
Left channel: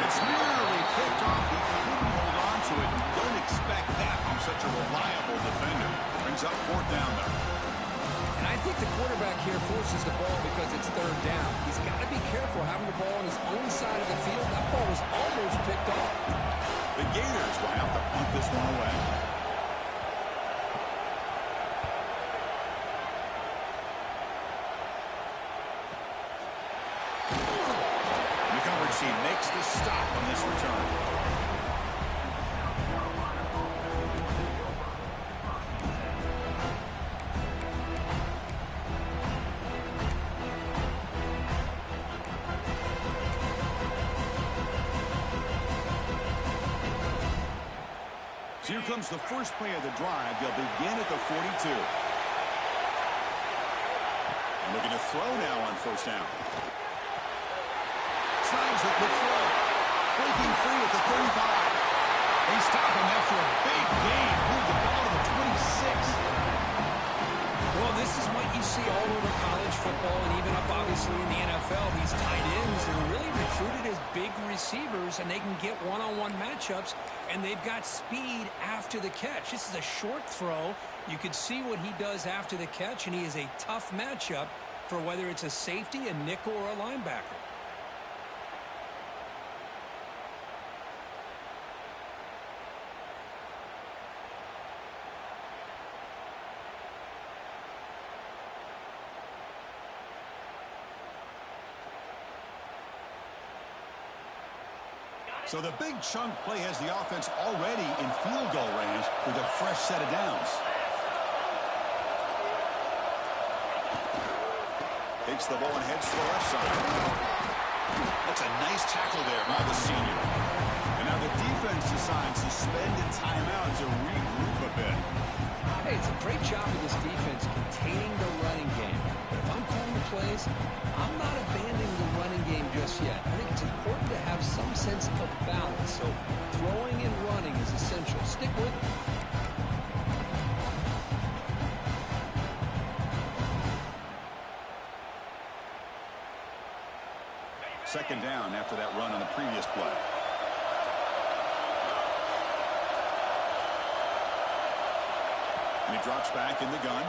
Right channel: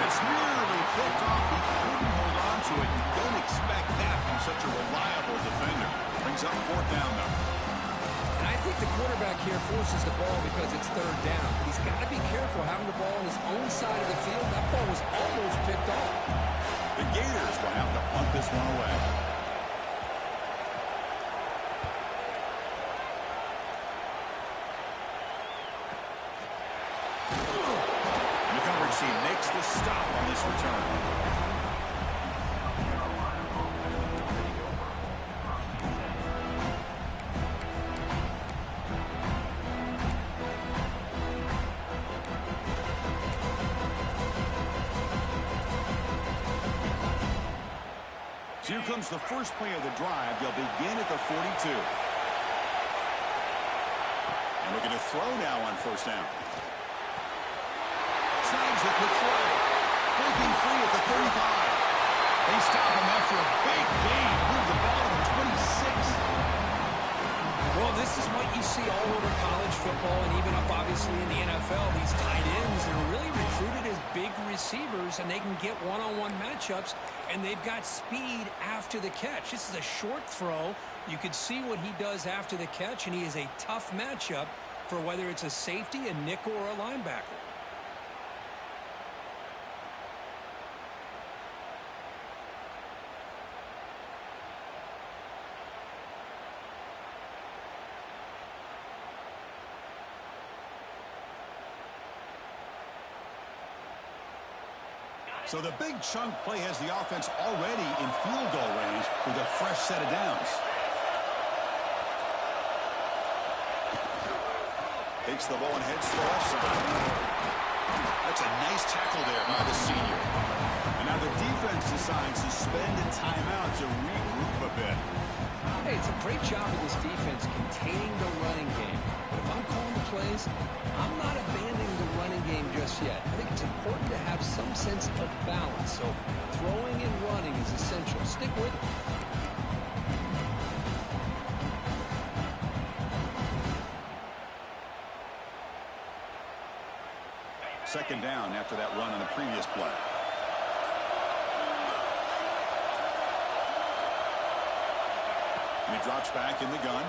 It's nearly picked off. He couldn't hold on to it. You don't expect that from such a reliable defender. Brings up 4th down, though. And I think the quarterback here forces the ball because it's 3rd down. He's got to be careful having the ball on his own side of the field. That ball was almost picked off. The Gators will have to punt this one away. The coverage team makes the stop on this return. So here comes the first play of the drive. They'll begin at the 42. And looking to throw now on 1st down. Snags it with throw. Breaking free at the 35. They stop him after a big gain. Move the ball to the 26. Well, this is what you see all over college football and even up, obviously, in the NFL. These tight ends are really recruited as big receivers, and they can get one-on-one matchups, and they've got speed after the catch. This is a short throw. You can see what he does after the catch, and he is a tough matchup for whether it's a safety, a nickel, or a linebacker. So the big chunk play has the offense already in field goal range with a fresh set of downs. Takes the ball and heads to the left side. That's a nice tackle there by the senior. And now the defense decides to spend a timeout to regroup a bit. Hey, it's a great job of this defense containing the running game. But if I'm calling the plays, I'm not abandoning the running game just yet. I think it's important to have some sense of balance. So throwing and running is essential. Stick with it. Second down after that run on the previous play. And he drops back in the gun.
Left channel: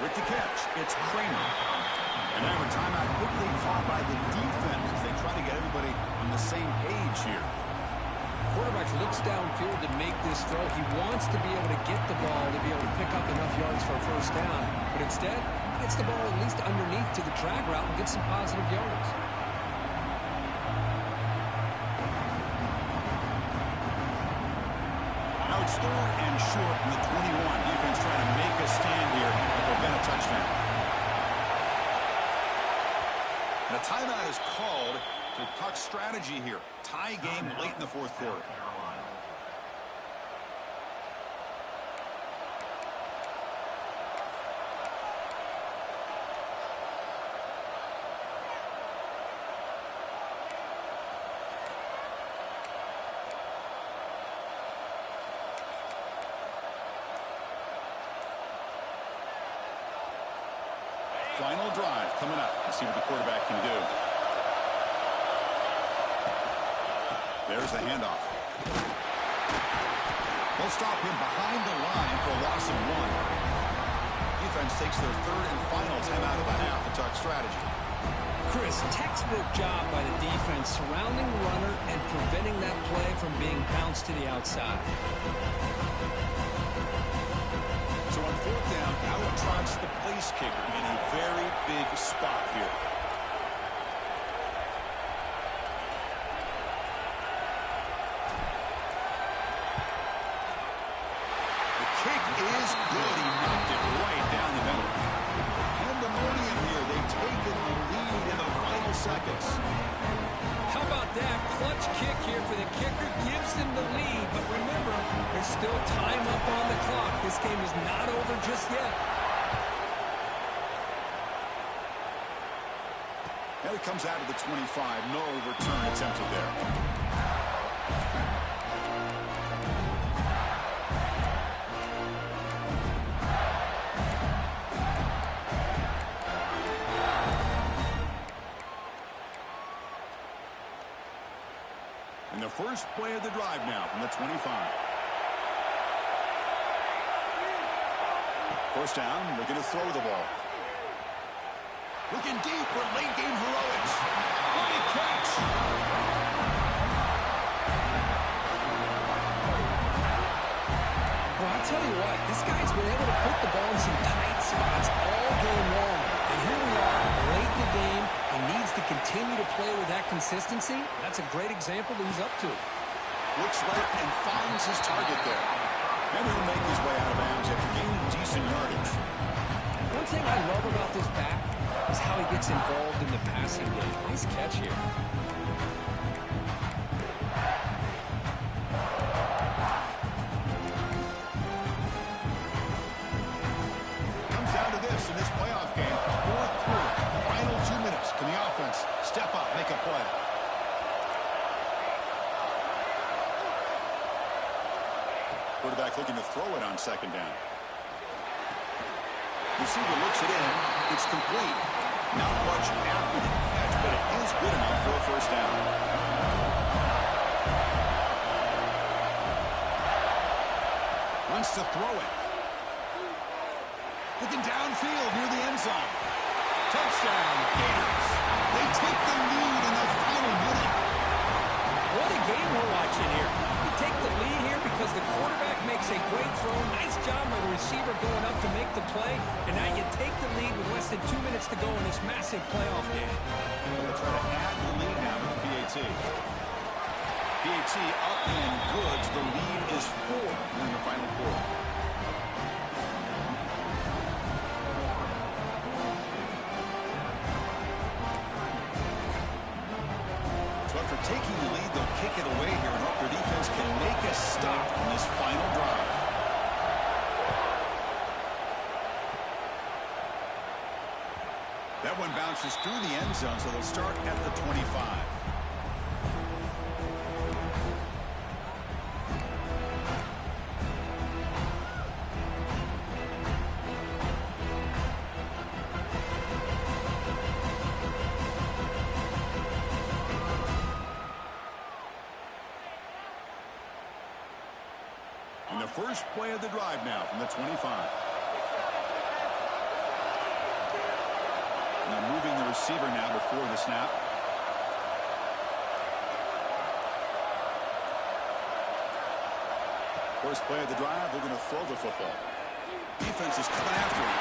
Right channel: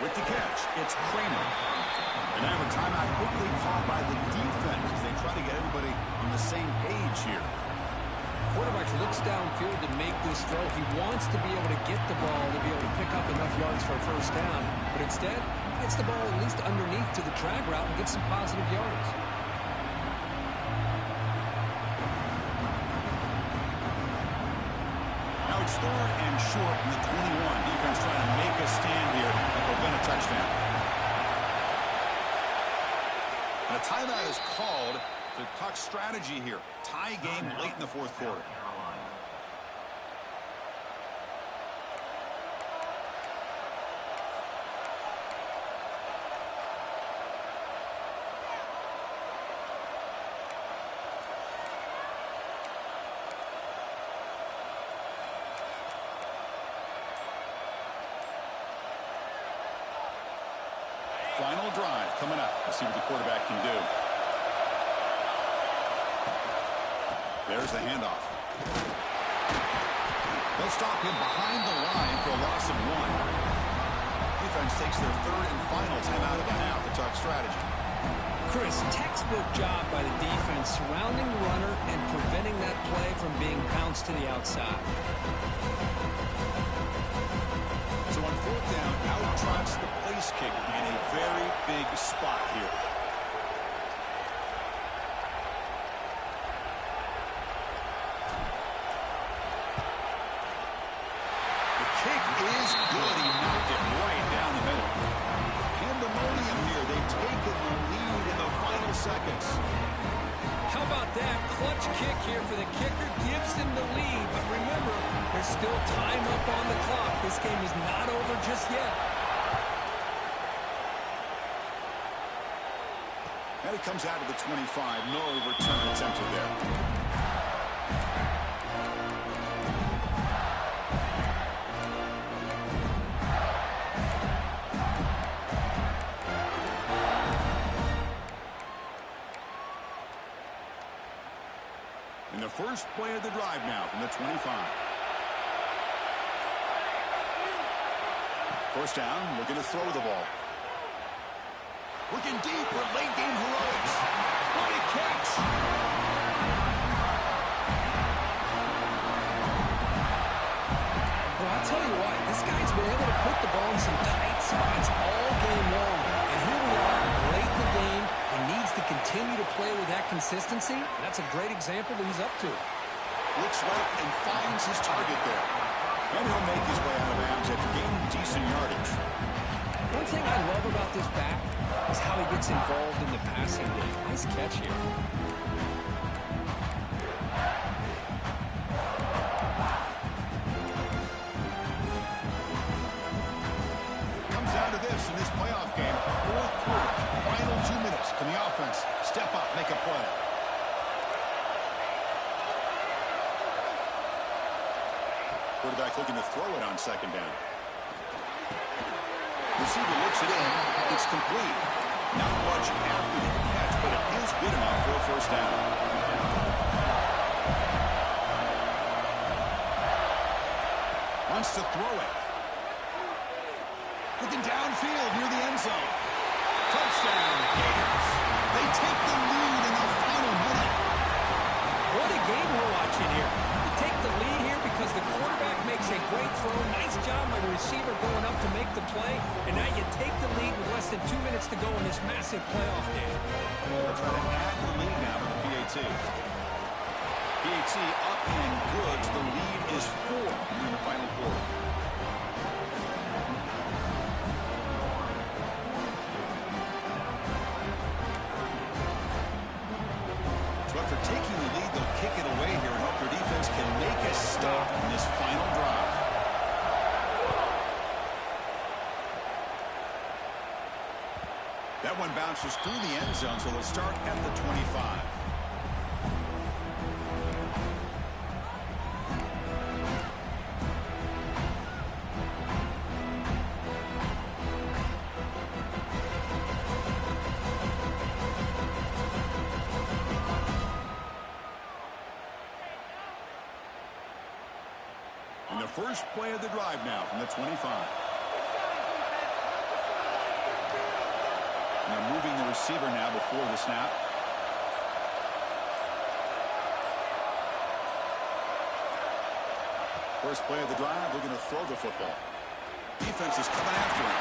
With the catch, it's Kramer. And now a timeout quickly called by the defense as they try to get everybody on the same page here. Quarterback looks downfield to make this throw. He wants to be able to get the ball to be able to pick up enough yards for a 1st down. But instead, he gets the ball at least underneath to the drag route and gets some positive yards. Now it's 3rd and short from the 21. Defense trying to make a stand here and prevent a touchdown. And a timeout is called to talk strategy here. Tie game late in the 4th quarter. Final drive coming up. Let's see what the quarterback can do. There's the handoff. They'll stop him behind the line for a loss of 1. Defense takes their 3rd and final timeout of the half to talk strategy. Chris, textbook job by the defense surrounding the runner and preventing that play from being bounced to the outside. So on 4th down, out trots the place kicker in a very big spot here. The kick is good. He knocked it right down the middle. Pandemonium here. They've taken the lead in the final seconds. How about that? Clutch kick here for the kicker gives them the lead. But remember, there's still time up on the clock. This game is not over just yet. And it comes out of the 25. No return attempted there. And the first play of the drive now from the 25. First down, looking to throw the ball. Looking deep for late game heroics. What a catch! Well, I'll tell you what, this guy's been able to put the ball in some tight spots all game long. And here we are, late in the game. He needs to continue to play with that consistency. That's a great example that he's up to. Looks right and finds his target there. And he'll make his way out of bounds after gaining decent yardage. One thing I love about this back is how he gets involved in the passing game. Nice catch here. Comes down to this in this playoff game. Fourth quarter, final 2 minutes. Can the offense step up, make a play? Quarterback looking to throw it on second down. Receiver looks it in. It's complete. Not much after the catch, but it is good enough for a first down. Wants to throw it. Looking downfield near the end zone. Touchdown, Gators. They take the lead in the final minute. What a game we're watching here. We take the lead here because the quarterback makes a great throw. Nice job by the receiver going up to make the play. And now you take the lead with less than 2 minutes to go in this massive playoff game. They'll try to add the lead now with the PAT. PAT up and good. So the lead is 4 here in the final quarter. So after taking the lead, they'll kick it away here and hope their defense can make a stop on this final drive. That one bounces through the end zone, so they'll start at the 25. And the first play of the drive now from the 25. Now moving the receiver now before the snap. First play of the drive, looking to throw the football. Defense is coming after him.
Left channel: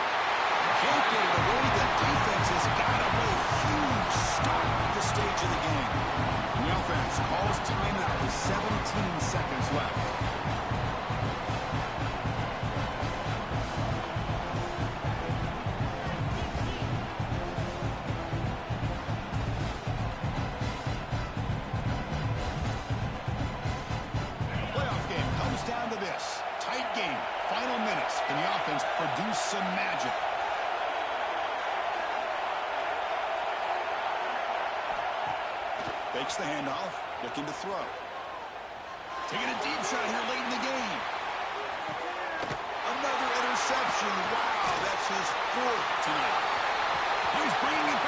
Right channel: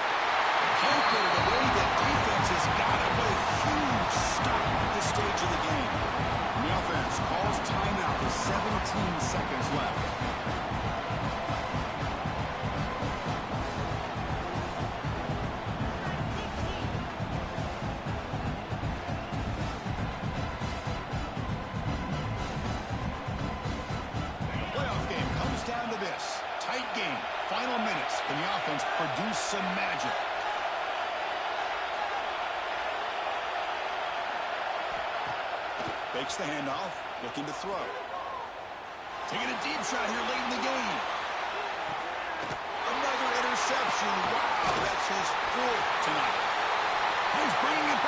Can't get it away. The defense has got him. What a huge stop at this stage of the game. And the offense calls timeout with 17 seconds left. Down to this tight game, final minutes, and the offense produce some magic. Fakes the handoff, looking to throw. Taking a deep shot here late in the game. Another interception. Wow, that's his 4th tonight. He's bringing it